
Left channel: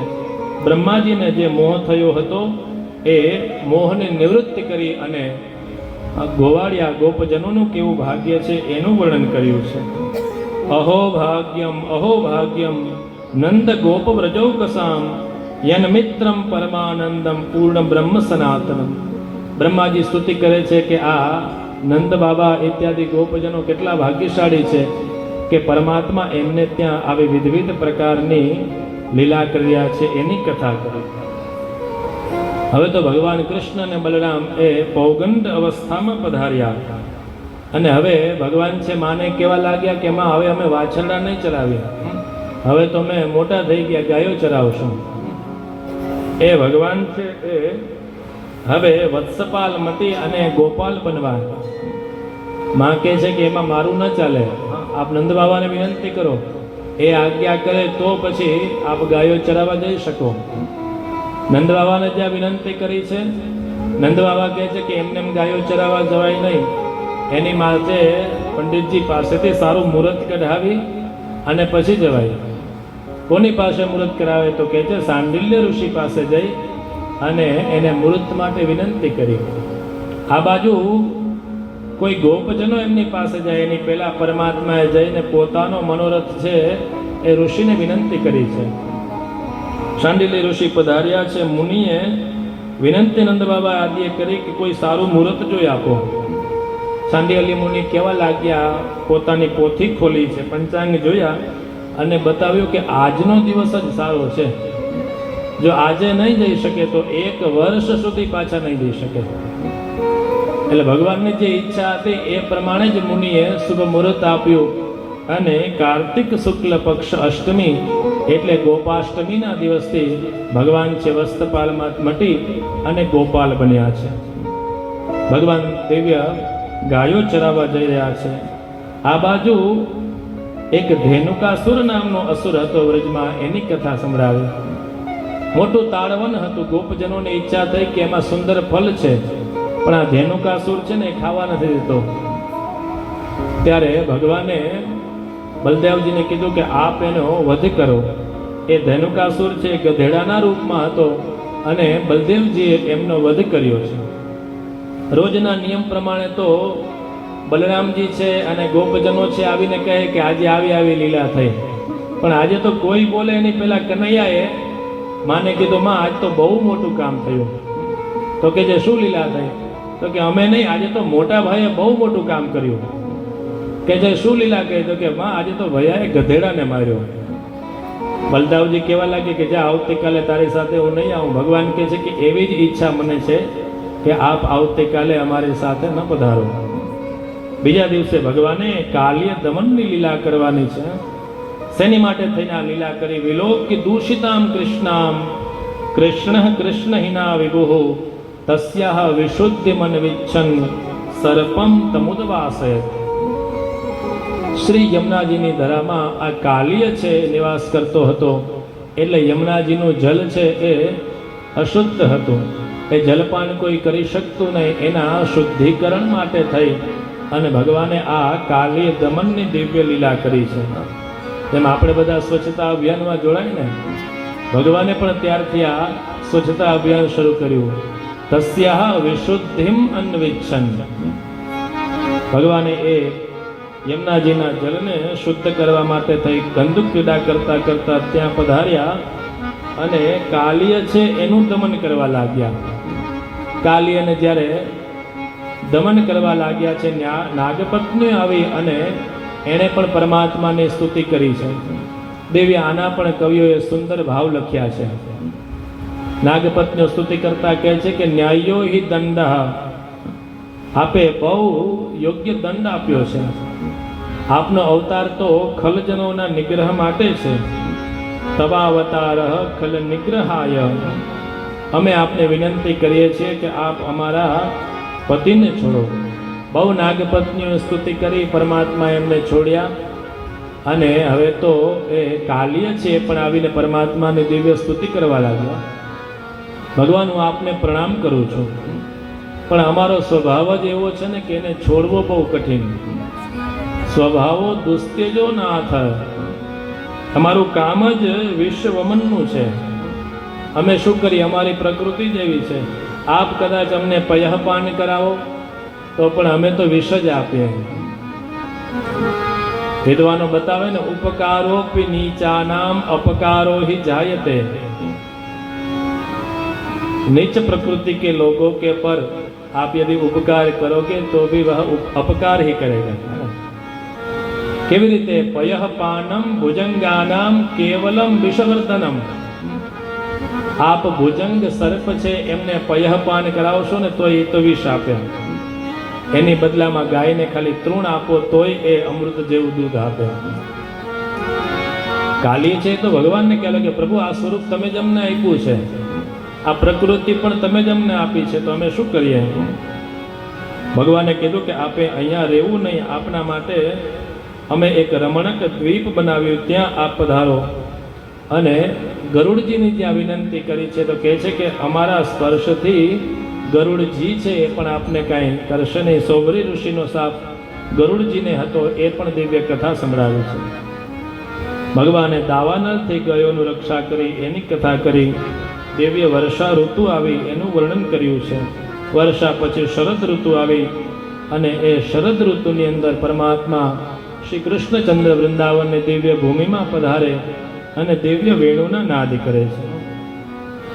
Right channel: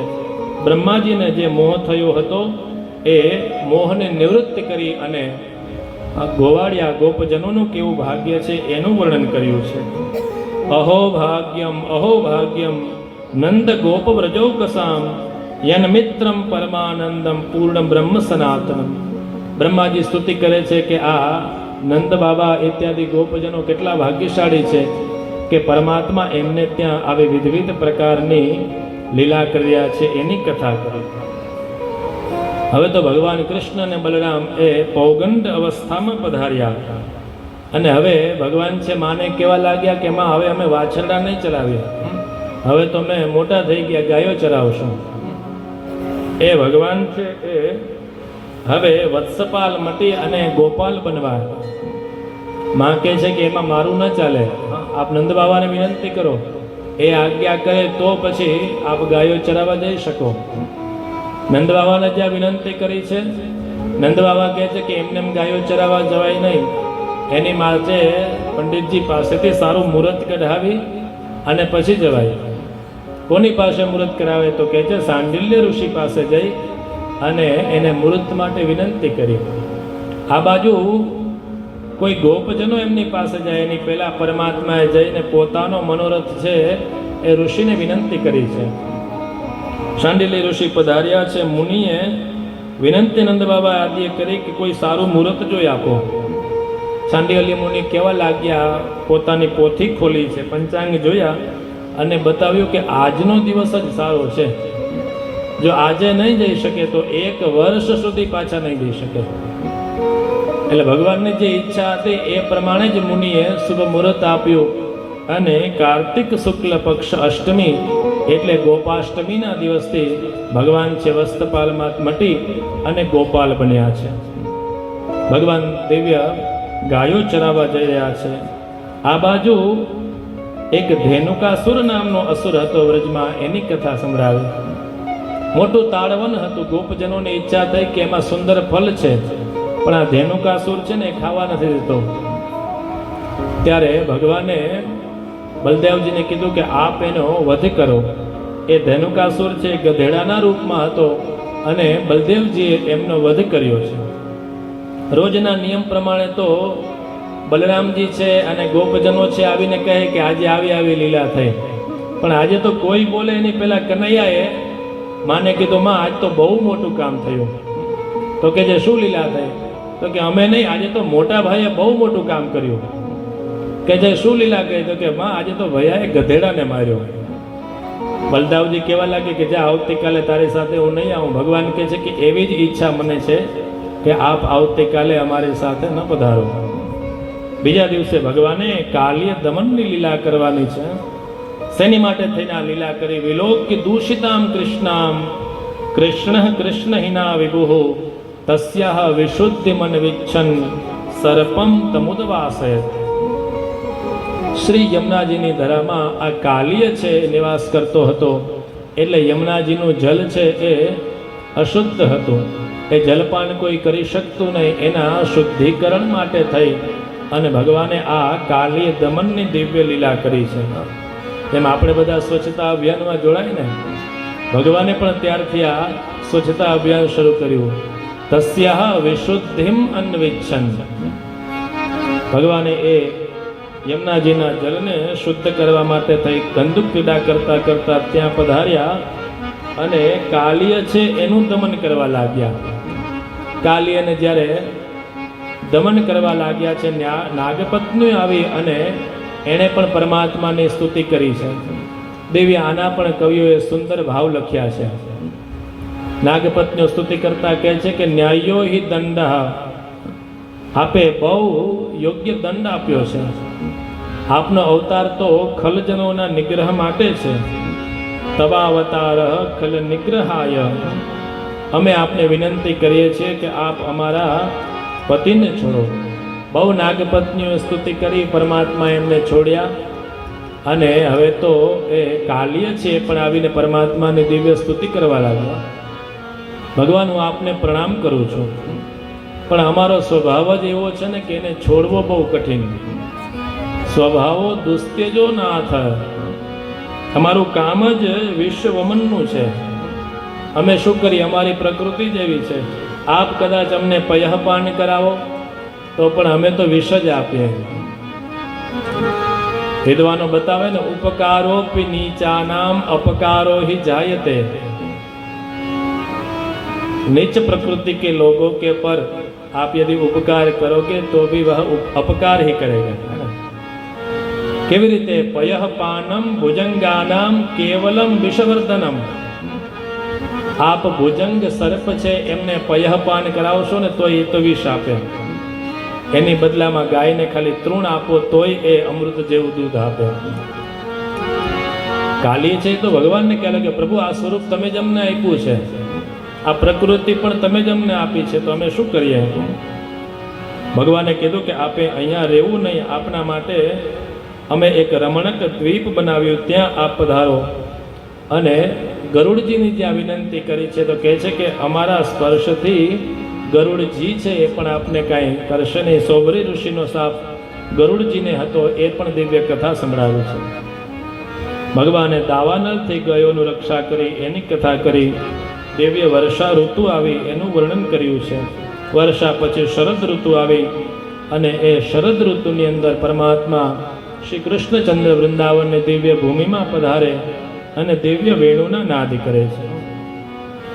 બ્રહ્માજીને જે મોહ થયો હતો એ મોહને નિવૃત્ત કરી અને ગોવાળિયા ગોપજનોનું કેવું ભાગ્ય છે એનું વર્ણન કર્યું છે. અહો ભાગ્યમ નંદ ગોપ વ્રજૌકસામ યન મિત્રમ પરમાનંદમ પૂર્ણ બ્રહ્મ સનાતનમ. બ્રહ્માજી સ્તુતિ કરે છે કે આ નંદ બાબા ઇત્યાદિ ગોપજનો કેટલા ભાગ્યશાળી છે કે પરમાત્મા એમને ત્યાં આવી વિવિધ પ્રકારની લીલા કર્યા છે એની કથા કરી. હવે તો ભગવાન કૃષ્ણ અને બલરામ એ પૌગંડ અવસ્થામાં પધાર્યા અને હવે ભગવાન છે માને કહેવા લાગ્યા કે એમાં હવે અમે વાછરડા નહીં ચરાવીએ, હવે તો અમે મોટા થઈ ગયા, ગાયો ચરાવશું. એ ભગવાન છે એ હવે વત્સપાલ મટી અને ગોપાલ બનવા. માં કહે છે કે એમાં મારું ન ચાલે, આપ નંદ બાબાને વિનંતી કરો, એ આજ્ઞા કરે તો પછી આપ ગાયો ચરાવવા જઈ શકો. નંદ બાબાને જ્યાં વિનંતી કરી છે, નંદ બાબા કહે છે કે એમને એમ ગાયો ચરાવવા જવાય નહીં, એની માટે પંડિતજી પાસેથી સારું મુહૂર્ત કઢાવી અને પછી જવાય. કોની પાસે મુહૂર્ત કરાવે તો કહે છે સાંડિલ્ય ઋષિ પાસે જઈ અને એને મુહૂર્ત માટે વિનંતી કરી. આ બાજુ કોઈ ગોપજનો એમની પાસે જાય એની પહેલા પરમાત્માએ જઈને પોતાનો મનોરથ છે એ ઋષિને વિનંતી કરી છે. શાંડિલ્ય ઋષિ પધાર્યા છે. મુનિએ વિનંતી નંદ બાબા આદિએ કરી કે કોઈ સારું મુહૂર્ત જોઈ આપો. શાંડિલ્ય મુનિ કહેવા લાગ્યા, પોતાની પોથી ખોલી છે, પંચાંગ જોયા અને બતાવ્યું કે આજનો દિવસ જ સારો છે, જો આજે નહીં જઈ શકે તો 1 વર્ષ સુધી પાછા નહીં જઈ શકે. એટલે ભગવાનની જે ઈચ્છા હતી એ પ્રમાણે જ મુનિએ શુભ મુહૂર્ત આપ્યું અને કાર્તિક શુક્લ પક્ષ અષ્ટમી એટલે ગોપાષ્ટમીના દિવસથી ભગવાન છે વસ્ત્રપાલમાં મટી અને ગોપાલ બન્યા છે. ભગવાન દિવ્ય ગાયો ચરાવવા જઈ રહ્યા છે. આ બાજુ એક ધેનુકાસુર નામનો અસુર હતો વ્રજમાં, એની કથા સંભળાવી. મોટું તાળવન હતું, ગોપજનોની ઈચ્છા થઈ કે એમાં સુંદર ફળ છે, પણ આ ધેનુકાસુર છે ને એ ખાવા નથી દેતો. ત્યારે ભગવાને બલદેવજીને કીધું કે આપ એનો વધ કરો. એ ધેનુકાસુર છે ગધેડાના રૂપમાં હતો અને બલદેવજીએ એમનો વધ કર્યો છે. રોજના નિયમ પ્રમાણે તો બલરામજી છે અને ગોપજનો છે આવીને કહે કે આજે આવી આવી લીલા થઈ, પણ આજે તો કોઈ બોલે એની પહેલા કનૈયાએ માને કીધું માં આજ તો બહુ મોટું કામ થયું. તો કે જે શું લીલા થઈ? તો કે અમે નહીં, આજે તો મોટા ભાઈએ બહુ મોટું કામ કર્યું. કે જે શું લીલા કહી? તો કે માં આજે તો ભૈયાએ ગધેડાને માર્યો. બલદાવજી કહેવા લાગે કે જા આવતીકાલે તારી સાથે હું નહીં આવું. ભગવાન કહે છે કે એવી જ ઈચ્છા મને છે કે આપ આવતીકાલે અમારી સાથે ન પધારો. બીજા દિવસે ભગવાને કાલ્ય દમનની લીલા કરવાની છે. શેની માટે થઈને આ લીલા કરી? વિલોક્ય દૂષિતામ કૃષ્ણામ કૃષ્ણ કૃષ્ણ હિના વિભુઃ તસ્યાહ વિશુદ્ધિ મન વિચ્છન સર્પમ તમુદવાસય. શ્રી યમુનાજીની ધરામાં આ કાલિય છે નિવાસ કરતો હતો, એટલે યમુનાજીનું જલ છે એ અશુદ્ધ હતું. એ જલપાન કોઈ કરી શકતું નહીં. એના શુદ્ધિકરણ માટે થઈ અને ભગવાને આ કાલિય દમનની દિવ્ય લીલા કરી છે. તેમ આપણે બધા સ્વચ્છતા અભિયાનમાં જોડાય ને, ભગવાને પણ ત્યારથી આ સ્વચ્છતા અભિયાન શરૂ કર્યું. તસ્યાહ વિશુદ્ધિમ અન્વિચ્છન. ભગવાને એ યમુનાજીના જલને શુદ્ધ કરવા માટે થઈ ગંદુ ક્રીડા કરતા કરતા ત્યાં પધાર્યા અને કાલિય છે એનું દમન કરવા લાગ્યા. કાલિયને જ્યારે દમન કરવા લાગ્યા છે, નાગપત્ની આવી અને એણે પણ પરમાત્માની સ્તુતિ કરી છે. દેવી આના પણ કવિઓએ સુંદર ભાવ લખ્યા છે. નાગપત્નીઓ સ્તુતિ કરતા કહે છે કે ન્યાયો હિ દંડ, આપે બહુ યોગ્ય દંડ આપ્યો છે. આપનો અવતાર તો ખલજનોના નિગ્રહ માટે છે. તવાવતાર ખલ નિગ્રહાય. અમે આપને વિનંતી કરીએ છીએ કે આપ અમારા પતિને છોડો. બહુ નાગપત્નીઓ સ્તુતિ કરી, પરમાત્મા એમને છોડ્યા અને હવે તો એ કાલિય છે પણ આવીને પરમાત્માની દિવ્ય સ્તુતિ કરવા લાગ્યા. ભગવાન હું આપને પ્રણામ કરું છું, પણ અમારો સ્વભાવ જ એવો છે ને કે એને છોડવો બહુ કઠિન. સ્વભાવો દુસ્તેજો નાથ. અમારું કામ જ વિશ્વવમનનું છે. અમે શું કરીએ? અમારી પ્રકૃતિ જ એવી છે. આપ કદાચ અમને પયઃપાન કરાવો તો પણ અમે તો વિષ જ આપીએ. વિદ્વાનો બતાવે ને, ઉપકારોપી નીચાનામ અપકારો ही जायते. नीच प्रकृति के लोगों के पर आप यदि उपकार करोगे तो भी वह अपकार ही करेगा. કેવી રીતે? પયઃપાનમ ભુજંગાનામ કેવલમ વિષવર્ધનમ. આપ ભુજંગ સર્પ છે એમને પયઃપાન કરાવશો ને તો એ તો વિષ આપે, એની બદલામાં ગાયને ખાલી તૃણ આપો તોય એ અમૃત જેવું દૂધ આપે. કાલી છે તો ભગવાનને કહેલો કે પ્રભુ આ સ્વરૂપ તમે જ અમને આપ્યું છે, આ પ્રકૃતિ પણ તમે જ અમને આપી છે, તો અમે શું કરીએ? ભગવાને કીધું કે આપે અહીંયા રહેવું નહીં, આપના માટે અમે એક રમણક દ્વીપ બનાવ્યું, ત્યાં આપ પધારો. અને ગરુડજીની જ્યાં વિનંતી કરી છે તો કહે છે કે અમારા સ્પર્શથી ગરુડજી છે એ પણ આપને કાંઈ કરશે નહીં. સોબરી ઋષિનો સાપ ગરુડજીને હતો, એ પણ દિવ્ય કથા સંભળાવી છે. ભગવાને દાવાનળથી ગાયોનું રક્ષા કરી એની કથા કરી. દિવ્ય વર્ષા ઋતુ આવી એનું વર્ણન કર્યું છે. વર્ષા પછી શરદ ઋતુ આવી અને એ શરદ ઋતુની અંદર પરમાત્મા શ્રી કૃષ્ણચંદ્ર વૃંદાવનની દિવ્ય ભૂમિમાં પધારે અને દિવ્ય વેણુના નાદ કરે છે.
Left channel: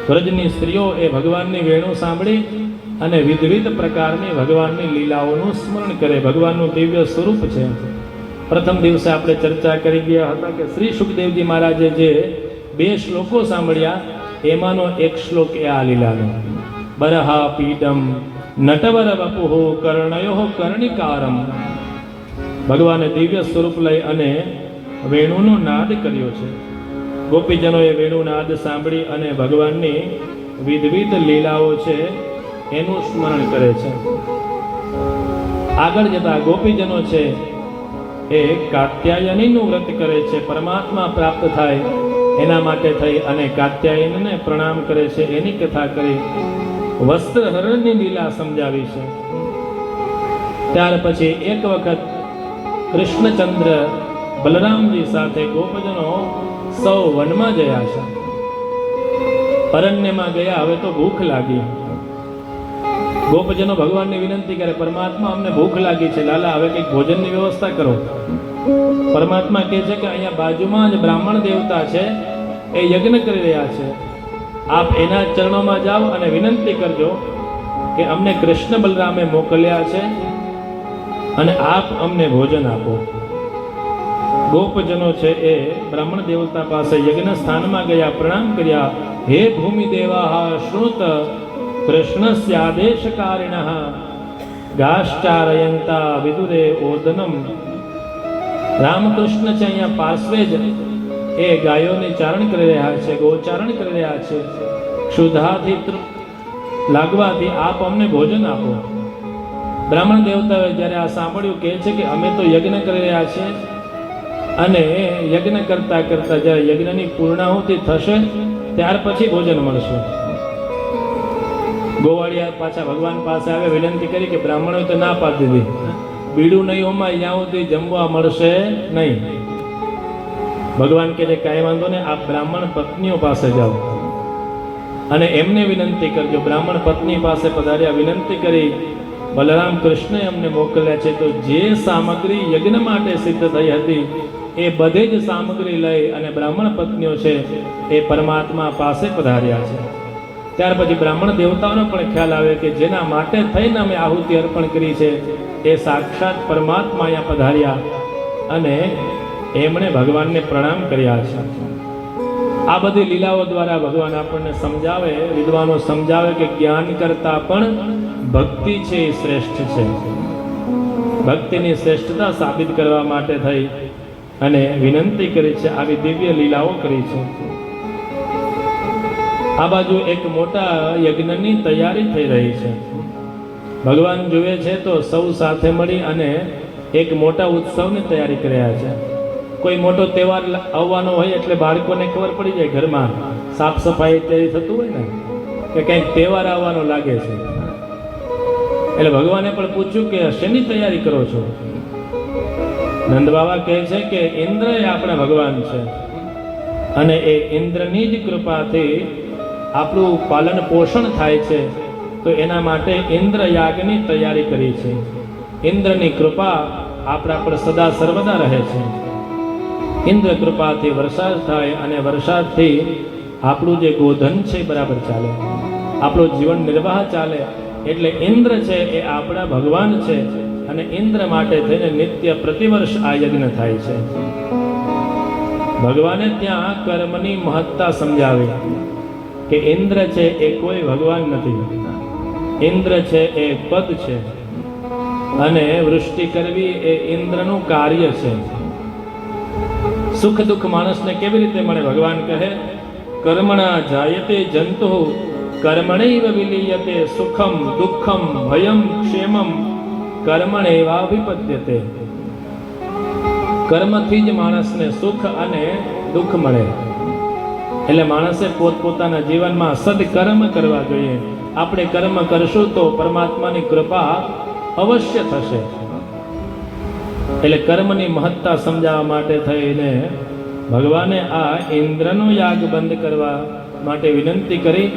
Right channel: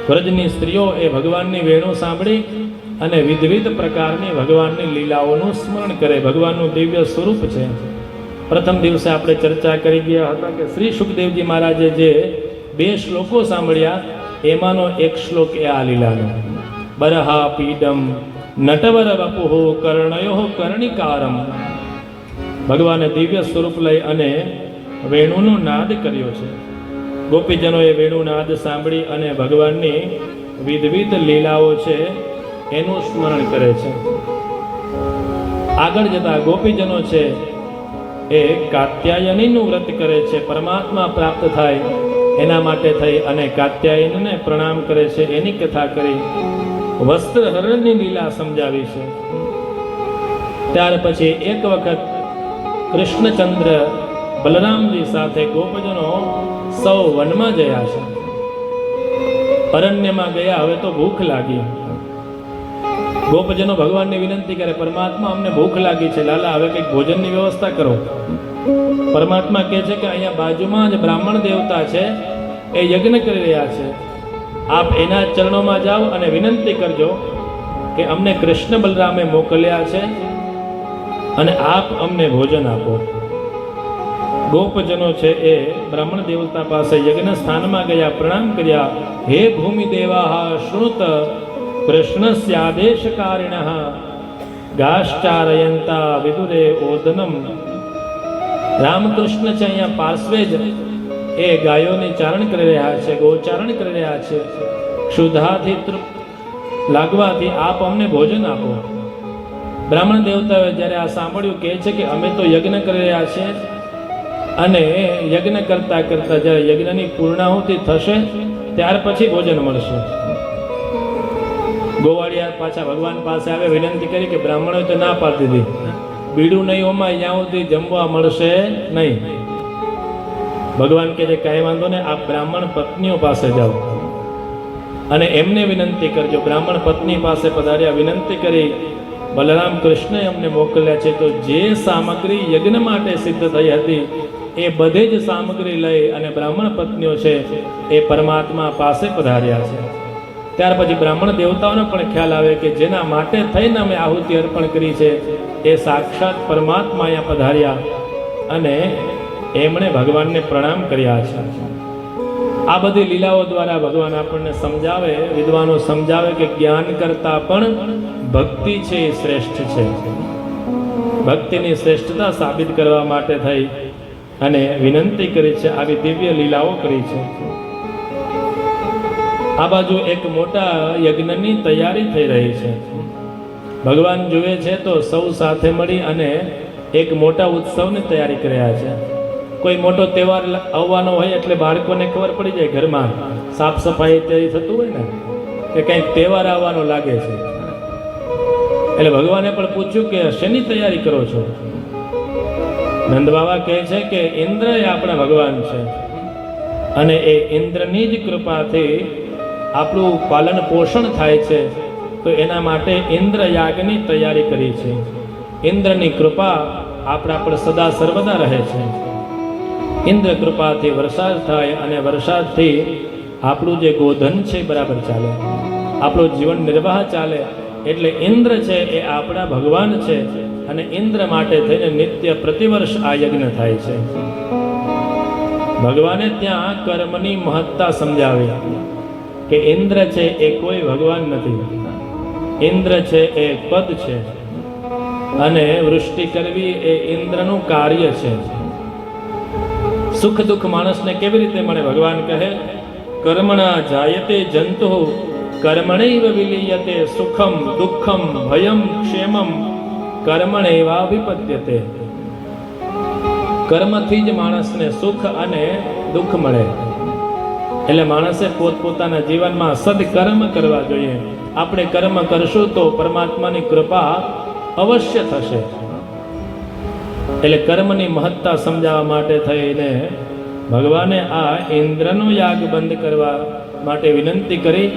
વ્રજની સ્ત્રીઓ એ ભગવાનની વેણુ સાંભળી અને વિવિધ પ્રકારની ભગવાનની લીલાઓનું સ્મરણ કરે. ભગવાનનું દિવ્ય સ્વરૂપ છે. પ્રથમ દિવસે આપણે ચર્ચા કરી ગયા હતા કે શ્રી સુખદેવજી મહારાજે જે 2 શ્લોકો સાંભળ્યા એમાંનો એક શ્લોક એ આ લીલાનો. બરહા પીડમ નટવર વપુહો કર્ણયો કર્ણિકારમ. ભગવાને દિવ્ય સ્વરૂપ લઈ અને વેણુનો નાદ કર્યો છે. ગોપીજનોએ વેણુ નાદ સાંભળી અને ભગવાનની વિવિધ લીલાઓ છે એનું સ્મરણ કરે છે. આગળ જતા ગોપીજનો છે એ કાત્યાયનીનું વ્રત કરે છે, પરમાત્મા પ્રાપ્ત થાય એના માટે થઈ અને કાત્યાયનીને પ્રણામ કરે છે. એની કથા કરી. વસ્ત્રહરણની લીલા સમજાવી છે. ત્યાર પછી એક વખત કૃષ્ણચંદ્ર બલરામજી સાથે ગોપજનો સૌ વનમાં ગયા છે. અરણ્યમાં ગયા, હવે તો ભૂખ લાગી. ગોપજનો ભગવાનની વિનંતી કરે, પરમાત્મા અમને ભૂખ લાગી છે, લાલા હવે કંઈક ભોજનની વ્યવસ્થા કરો. પરમાત્મા કહે છે કે અહીંયા બાજુમાં જ બ્રાહ્મણ દેવતા છે, એ યજ્ઞ કરી રહ્યા છે, આપ એના ચરણોમાં જાઓ અને વિનંતી કરજો કે અમને કૃષ્ણ બલરામે મોકલ્યા છે અને આપ અમને ભોજન આપો. ગોપજનો છે એ બ્રાહ્મણ દેવતા પાસે યજ્ઞ સ્થાનમાં ગયા, પ્રણામ કર્યા. હે ભૂમિ દેવાહ શ્રુત કૃષ્ણસ્ય આદેશકારિણઃ ગાશ્ચારયંતા વિદુરે ઓદનમ. રામકૃષ્ણ છે અહીંયા પાર્શ્વે જ એ ગાયોને ચારણ કરી રહ્યા છે, ગોચારણ કરી રહ્યા છે. ક્ષુધાથી લાગવાથી આપ અમને ભોજન આપો. બ્રાહ્મણ દેવતાએ જ્યારે આ સાંભળ્યું કહે છે કે અમે તો યજ્ઞ કરી રહ્યા છીએ અને યજ્ઞ કરતા કરતા જ્યારે યજ્ઞની પૂર્ણાહુતિ થશે ત્યાર પછી ભોજન મળશે. ગોવાળિયા પાછા ભગવાન પાસે આવે, વિનંતી કરી કે બ્રાહ્મણોએ તો ના પાડી દીધી, બીડું નહીં હોમાં જ્યાં સુધી જમવા મળશે નહીં. ભગવાન કહે છે કાંઈ વાંધો ને, આપ બ્રાહ્મણ પત્નીઓ પાસે જાઓ અને એમને વિનંતી કરજો. બ્રાહ્મણ પત્ની પાસે પધાર્યા, વિનંતી કરી બલરામ કૃષ્ણએ અમને મોકલ્યા છે, તો જે સામગ્રી યજ્ઞ માટે સિદ્ધ થઈ હતી એ બધે જ સામગ્રી લઈ અને બ્રાહ્મણ પત્નીઓ છે એ પરમાત્મા પાસે પધાર્યા છે. ત્યાર પછી બ્રાહ્મણ દેવતાઓનો પણ ખ્યાલ આવે કે જેના માટે થઈને અમે આહુતિ અર્પણ કરી છે એ સાક્ષાત પરમાત્મા અહીંયા પધાર્યા અને એમણે ભગવાનને પ્રણામ કર્યા છે. આ બધી લીલાઓ દ્વારા ભગવાન આપણને સમજાવે, વિદ્વાનો સમજાવે કે જ્ઞાન કરતા પણ ભક્તિ છે એ શ્રેષ્ઠ છે. ભક્તિની શ્રેષ્ઠતા સાબિત કરવા માટે થઈ અને વિનંતી કરી છે, આવી દિવ્ય લીલાઓ કરી છે. આ બાજુ એક મોટા યજ્ઞની તૈયારી થઈ રહી છે. ભગવાન જુએ છે તો સૌ સાથે મળી અને એક મોટા ઉત્સવની તૈયારી કર્યા છે. કોઈ મોટો તહેવાર આવવાનો હોય એટલે બાળકોને ખબર પડી જાય, ઘરમાં સાફ સફાઈ ઇત્યાદિ થતું હોય ને કે કંઈક તહેવાર આવવાનો લાગે છે. એટલે ભગવાને પણ પૂછ્યું કે શેની તૈયારી કરો છો? નંદ બાબા કહે છે કે ઇન્દ્ર એ આપણા ભગવાન છે અને એ ઇન્દ્રની જ કૃપાથી આપણું પાલન પોષણ થાય છે, તો એના માટે ઇન્દ્ર યાગની તૈયારી કરી છે. ઇન્દ્રની કૃપા આપણા પર સદા સર્વદા રહે છે. ઇન્દ્ર કૃપાથી વરસાદ થાય અને વરસાદથી આપણું જે ગોધન છે બરાબર ચાલે, આપણું જીવન નિર્વાહ ચાલે. એટલે ઇન્દ્ર છે એ આપણા ભગવાન છે અને ઇન્દ્ર માટે થઈને નિત્ય પ્રતિવર્ષ આ યજ્ઞ થાય છે. ભગવાને ત્યાં કર્મની મહત્તા સમજાવી. કે ઇન્દ્ર છે એ કોઈ ભગવાન નથી. ઇન્દ્ર છે એ પદ છે અને વૃષ્ટિ કરવી એ ઇન્દ્રનું કાર્ય છે. સુખ દુઃખ માણસને કેવી રીતે મળે? ભગવાન કહે કર્મણા જાયતે જંતુ કર્મણૈવ વિલીયતે સુખમ દુઃખમ ભયમ ક્ષેમમ કર્મણૈવાભિપદ્યતે. કર્મથી જ માણસને સુખ અને દુઃખ મળે. એટલે માણસે પોતપોતાના જીવનમાં સદકર્મ કરવા જોઈએ. આપણે કર્મ કરશું તો પરમાત્માની કૃપા અવશ્ય થશે. એટલે કર્મની મહત્તા સમજાવવા માટે થઈને ભગવાને આ ઇન્દ્રનો યાગ બંધ કરવા માટે વિનંતી કરી.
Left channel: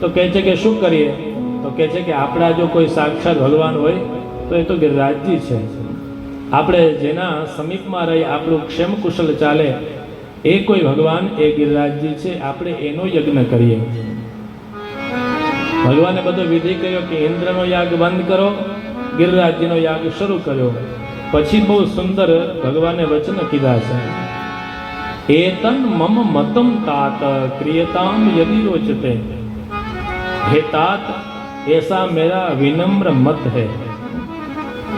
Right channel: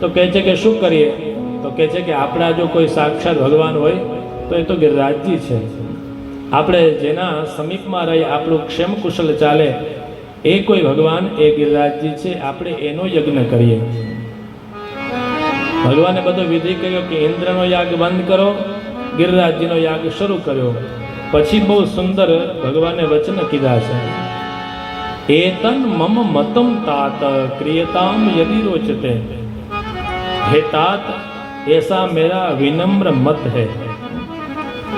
તો કહે છે કે શું કરીએ? તો કહે છે કે આપણા જો કોઈ સાક્ષાત ભગવાન હોય તો એ તો ગિરિરાજજી છે. આપણે જેના સમીપમાં રહી આપણું ક્ષેમ કુશલ ચાલે એ કોઈ ભગવાન એ ગિરિરાજજી છે. આપણે એનો યજ્ઞ કરીએ. ભગવાને બધો વિધિ કર્યો કે ઇન્દ્રનો યાગ બંધ કરો, ગિરિરાજજીનો યાગ શરૂ કર્યો. પછી બહુ સુંદર ભગવાને વચન કીધા છે. એતન મમ મતમ તાત ક્રિયતામ યદિ રોચતે. હે તાત એસા મેરા વિનમ્ર મત હૈ.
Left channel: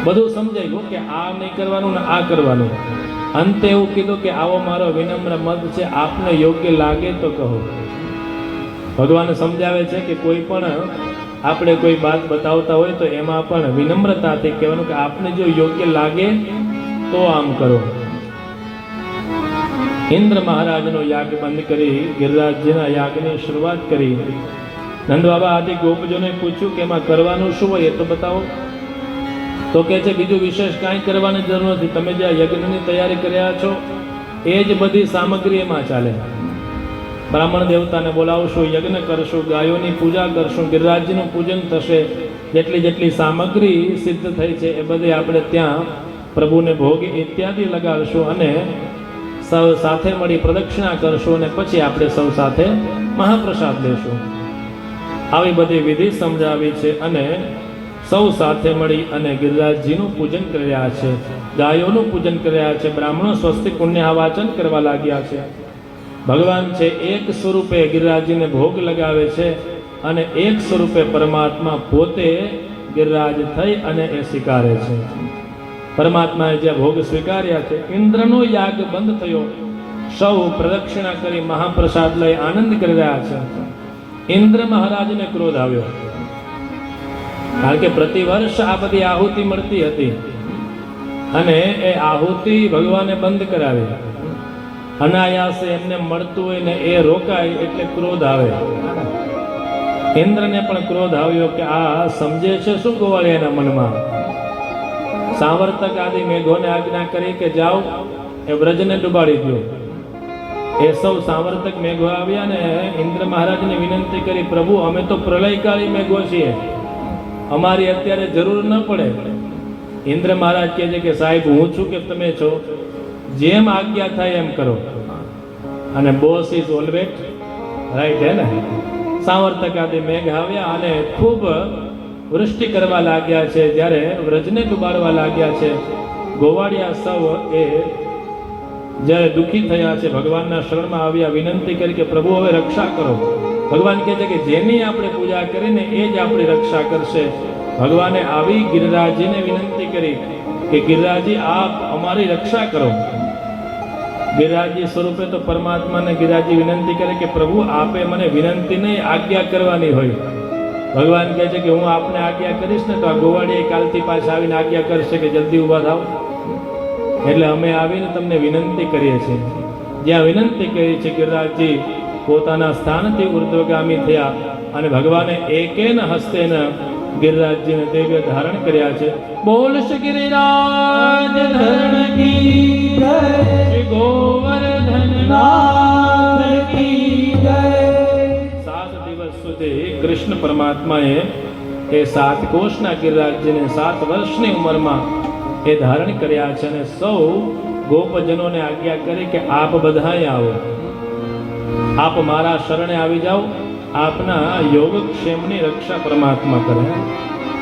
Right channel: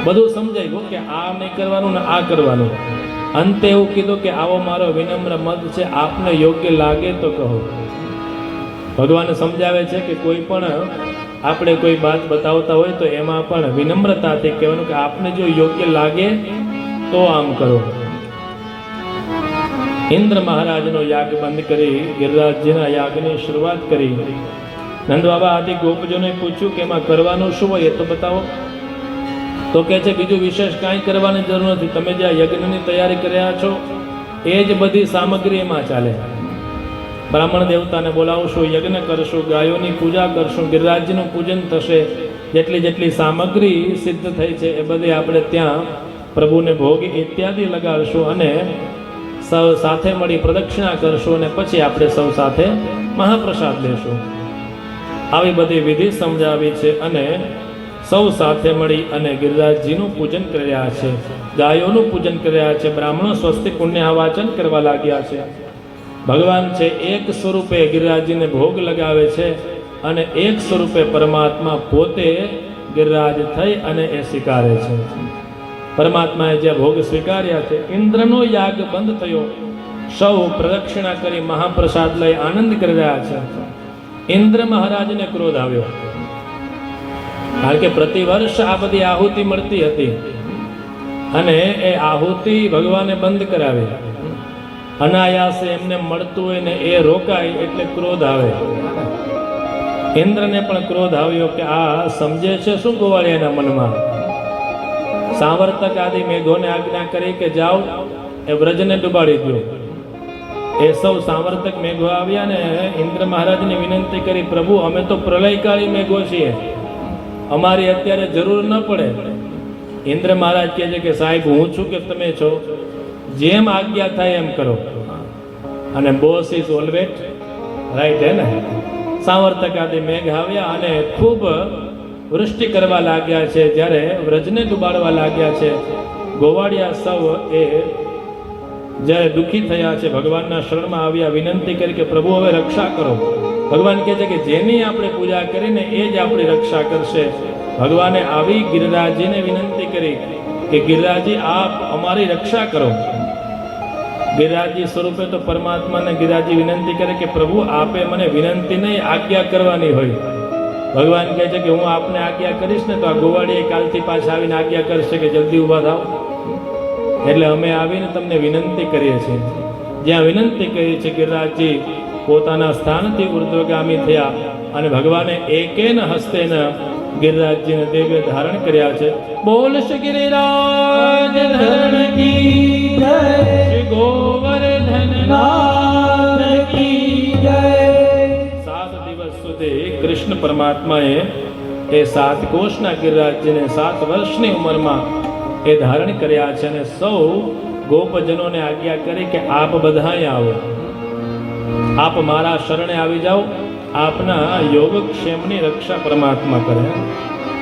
બધું સમજાઈ ગયું કે આ નહીં કરવાનું ને આ કરવાનું. અંતે એવું કીધું કે આવો મારો વિનમ્ર મત છે, આપને યોગ્ય લાગે તો કહો. ભગવાન સમજાવે છે કે કોઈ પણ આપણે કોઈ વાત બતાવતા હોય તો એમાં પણ વિનમ્રતાથી કહેવાનું કે આપને જો યોગ્ય લાગે તો આમ કરો. ઇન્દ્ર મહારાજનો યાગ બંધ કરી ગિરિરાજજીના યાગની શરૂઆત કરી. નંદ બાબા આદિ ગોપજોને પૂછ્યું કે એમાં કરવાનું શું હોય એ તો બતાવો. તો કહે છે બીજું વિશેષ કાંઈ કરવાની જરૂર નથી. તમે જે આ યજ્ઞની તૈયારી કર્યા છો એ જ બધી સામગ્રી એમાં ચાલે. બ્રાહ્મણ દેવતાને બોલાવશું, યજ્ઞ કરશું, ગાયોની પૂજા કરશું, ગિરિરાજજીનું પૂજન થશે. જેટલી જેટલી સામગ્રી સિદ્ધ થઈ છે એ બધી આપણે ત્યાં પ્રભુને ભોગ ઇત્યાદિ લગાડશું અને સૌ સાથે મળી પ્રદક્ષિણા કરશું અને પછી આપણે સૌ સાથે મહાપ્રસાદ લેશું. આવી બધી વિધિ સમજાવી છે અને સૌ સાથે મળી અને ગિરિરાજજીનું પૂજન કરી રહ્યા છે, ગાયોનું પૂજન કરી રહ્યા છે. બ્રાહ્મણો સ્વસ્તિ પુણ્ય વાચન કરવા લાગ્યા છે. ભગવાન છે એક સ્વરૂપે ગિરિરાજજીને ભોગ લગાવે છે અને એક સ્વરૂપે પરમાત્મા પોતે ગિરિરાજ થઈ અને એ સ્વીકારે છે. પરમાત્માએ જે ભોગ સ્વીકાર્યા છે. ઇન્દ્રનો યાગ બંધ થયો. સૌ પ્રદક્ષિણા કરી મહાપ્રસાદ લઈ આનંદ કરી રહ્યા છે. ઇન્દ્ર મહારાજને ક્રોધ આવ્યો, કારણ કે પ્રતિવર્ષ આ બધી આહુતિ મળતી હતી અને એ આહુતિ ભગવાને બંધ કરાવી. અનાયાસે એમને મળતું હોય ને એ રોકાય એટલે ક્રોધ આવે. ઇન્દ્રને પણ ક્રોધ આવ્યો કે આ સમજે છે શું ગોવાળિયાના મનમાં. સાવર્તક આદિ મેઘોને આજ્ઞા કરી કે જાઓ એ વ્રજને ડુબાડી દો. એ સૌ સાવર્તક મેઘો આવ્યા ને ઇન્દ્ર મહારાજને વિનંતી કરી, પ્રભુ અમે તો પ્રલયકાળી મેઘો છીએ, અમારી અત્યારે જરૂર ન પડે. ઇન્દ્ર મહારાજ કહે છે કે સાહેબ હું છું કે તમે છો, જેમ આજ્ઞા થાય એમ કરો. અને બોસ ઇઝ ઓલવેઝ રાઈટ હે ને. સાવર્તક આદિ મેઘ આવ્યા અને ખૂબ વૃષ્ટિ કરવા લાગ્યા છે. જ્યારે વ્રજને ડુબાડવા લાગ્યા છે, ગોવાળિયા સૌ એ જ્યારે દુઃખી થયા છે ભગવાનના શરણમાં આવ્યા, વિનંતી કરી કે પ્રભુ હવે રક્ષા કરો. ભગવાન કહે છે કે જેની આપણે પૂજા કરીને એ જ આપણી રક્ષા કરશે. ભગવાને આવી ગિરિરાજજીને વિનંતી કરી કે ગિરિરાજજી આપ અમારી રક્ષા કરો. ગિરિરાજજી સ્વરૂપે તો પરમાત્માને ગિરિરાજજી વિનંતી કરે કે પ્રભુ આપે મને વિનંતી નહીં આજ્ઞા કરવાની હોય. ભગવાન કહે છે કે હું આપને આજ્ઞા કરીશ ને તો આ ગોવાળીએ કાલથી પાછા આવીને આજ્ઞા કરશે કે જલ્દી ઊભા થાવ. એટલે અમે આવીને તમને વિનંતી કરીએ છીએ. જ્યાં વિનંતી કરી છે ગિરિરાજજી પોતાના સ્થાનથી ઉર્ધ્વગામી થયા અને ભગવાને એકેન હસ્તેન ગિરિરાજજીને દિવ્ય ધારણ કર્યા છે. બોલ શ્રી ગિરિરાજ ધરણ કી જય, શ્રી ગોવર્ધન નાથ કી જય. 7 દિવસ સુધી કૃષ્ણ પરમાત્માએ એ 7 કોષના ગિરિરાજજીને 7 વર્ષની ઉંમરમાં એ ધારણ કર્યા છે અને સૌ ગોપજનોને આજ્ઞા કરી કે આપ બધાય આવો, આપ મારા શરણે આવી જાઓ, આપના યોગક્ષેમની રક્ષા પરમાત્મા કરે.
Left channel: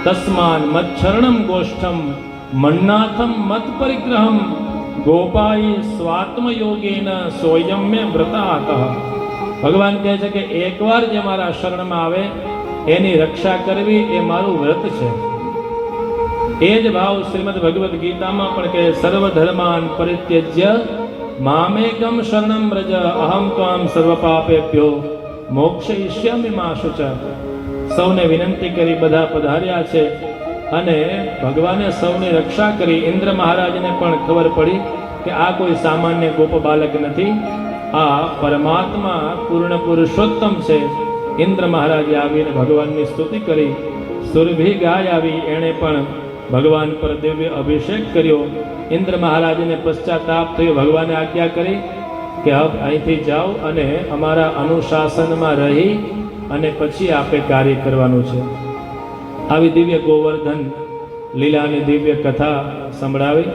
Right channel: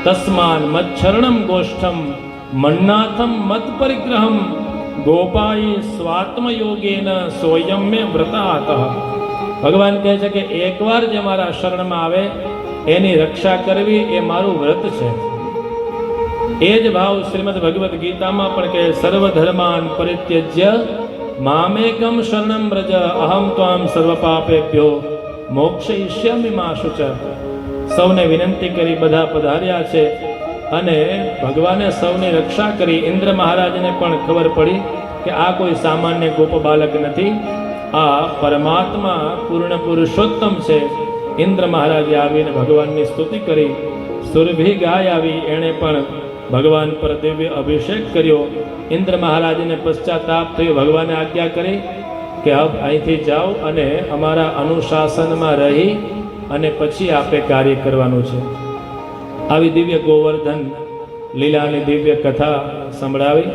તસ્માન મચ્છરણમ ગોષ્ઠમ મન્નાથમ મત પરિગ્રહમ ગોપાઈ સ્વાત્મ યોગેન સોયમ્ય વ્રતાતઃ. ભગવાન કહે છે કે એકવાર જે મારા શરણમાં આવે એની રક્ષા કરવી એ મારું વ્રત છે. એ જ ભાવ શ્રીમદ ભગવદ્ ગીતામાં પણ કહે સર્વ ધર્માન પરિત્યજ્ય મામેકમ શરણમ વ્રજ અહમ ત્વામ સર્વ પાપેભ્યો મોક્ષયિષ્યામિ મા શુચ. સૌને વિનંતી કરી બધા પધાર્યા છે અને ભગવાને સૌની રક્ષા કરી. ઇન્દ્ર મહારાજને પણ ખબર પડી કે આ કોઈ સામાન્ય ગોપ બાલક નથી, આ પરમાત્મા પૂર્ણ પુરુષોત્તમ છે. ઇન્દ્ર મહારાજે આવીને ભગવાનની સ્તુતિ કરી. સુરભી ગાય આવી, એણે પણ ભગવાન પર દિવ્ય અભિષેક કર્યો. ઇન્દ્ર મહારાજને પશ્ચાતાપ થયો. ભગવાને આજ્ઞા કરી કે હવે અહીંથી જાઓ અને અમારા અનુશાસનમાં રહી અને પછી આપે કાર્ય કરવાનું છે. આવી દિવ્ય ગોવર્ધન લીલાની દિવ્ય કથા સંભળાવી.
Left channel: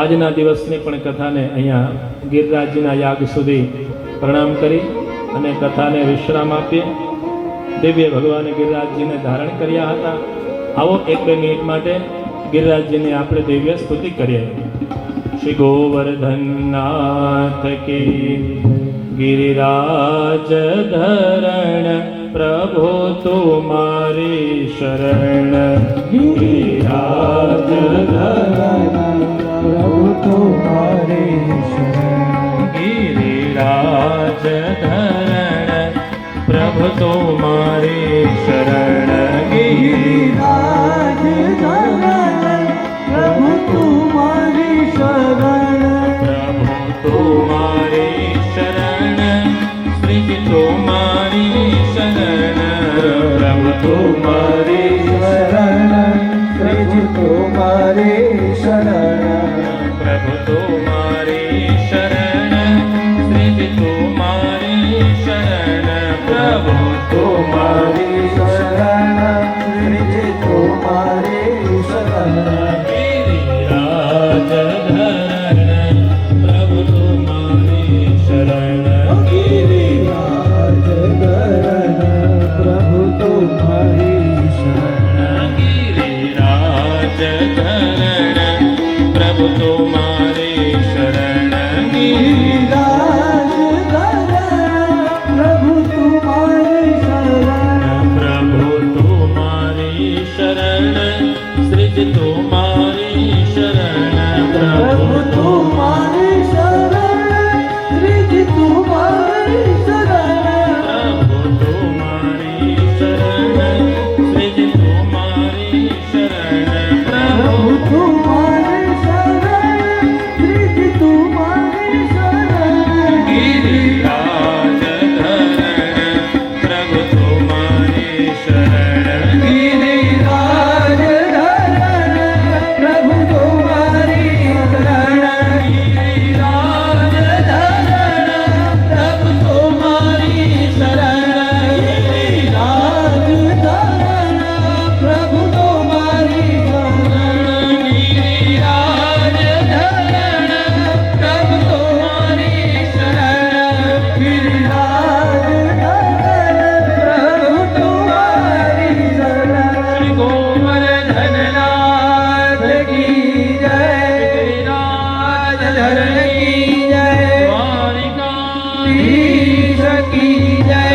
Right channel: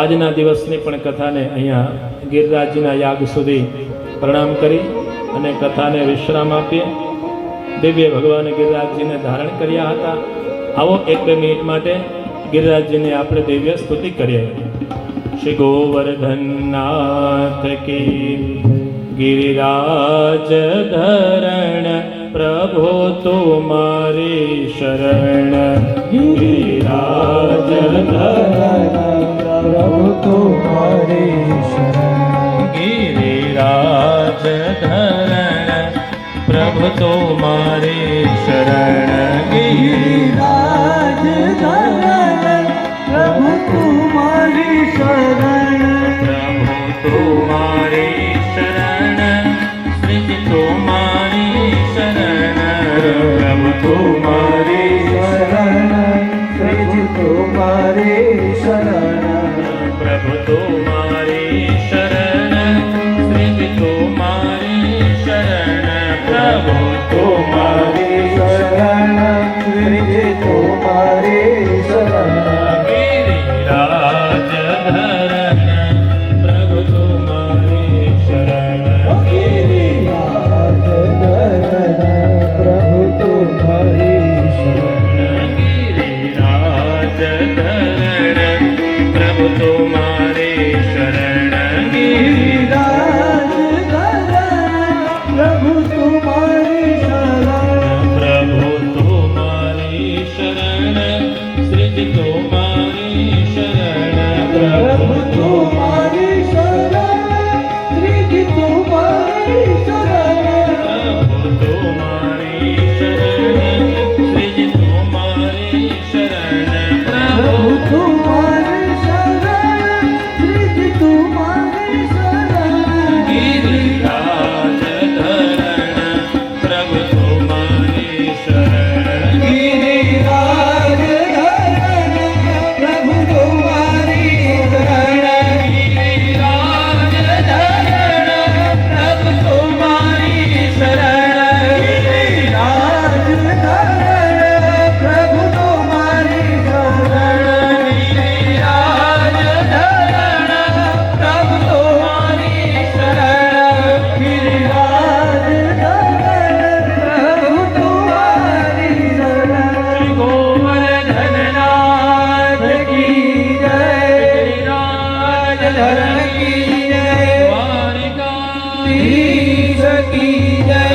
આજના દિવસની પણ કથાને અહીંયા ગિરિરાજજીના યાગ સુધી પ્રણામ કરી અને કથાને વિશ્રામ આપીએ. દિવ્ય ભગવાને ગિરિરાજજીને ધારણ કર્યા હતા. આવો 1-2 મિનિટ માટે ગિરિરાજજીની આપણે દિવ્ય સ્તુતિ કરીએ. શ્રી ગોવર્ધનનાથ કી गिरिराज धरण प्रभु तुम्हारी शरण. गिरिराज धरण प्रभु तुम्हारी शरण. गिरिराज धरण प्रभु तुम्हारी शरण. गिरिराज धरण प्रभु तुम्हारी शरण. प्रभु तुम्हारी शरण श्री तुम्हारी शरण. प्रभु तुम्हारी शरण श्री तुम्हारी शरण. प्रभु तुम्हारी शरण श्री तुम्हारी शरण. प्रभु तुम्हारी शरण श्री तुम्हारी शरण. गिरिराज धरण प्रभु तुम्हारी शरण. गिरिराज धरण प्रभु तुम्हारी शरण. गिरिराज धरण प्रभु तुम्हारी शरण. गिरिराज धरण प्रभु तुम्हारी शरण. प्रभु तुम्हारी शरण श्री तुम्हारी शरण. प्रभु तुम्हारी शरण श्री तुम्हारी शरण. प्रभु तुम्हारी शरण श्री तुम्हारी शरण. प्रभु तुम्हारी शरण श्री तुम्हारी शरण. गिरिराज धरण प्रभु तुम्हारी शरण. गिरिराज धरण प्रभु तुम्हारी शरण. गिरिराज धरण प्रभु तुम्हारी शरण. गिरिराज धरण प्रभु तुम्हारी शरण. गिरिराज धरण प्रभु तुम्हारी शरण. गिरिराज धरण प्रभु तुम्हारी शरण. गोवर्धननाथ की जय. गिरिराज धरण की जय. द्वारिकाधीश की जय.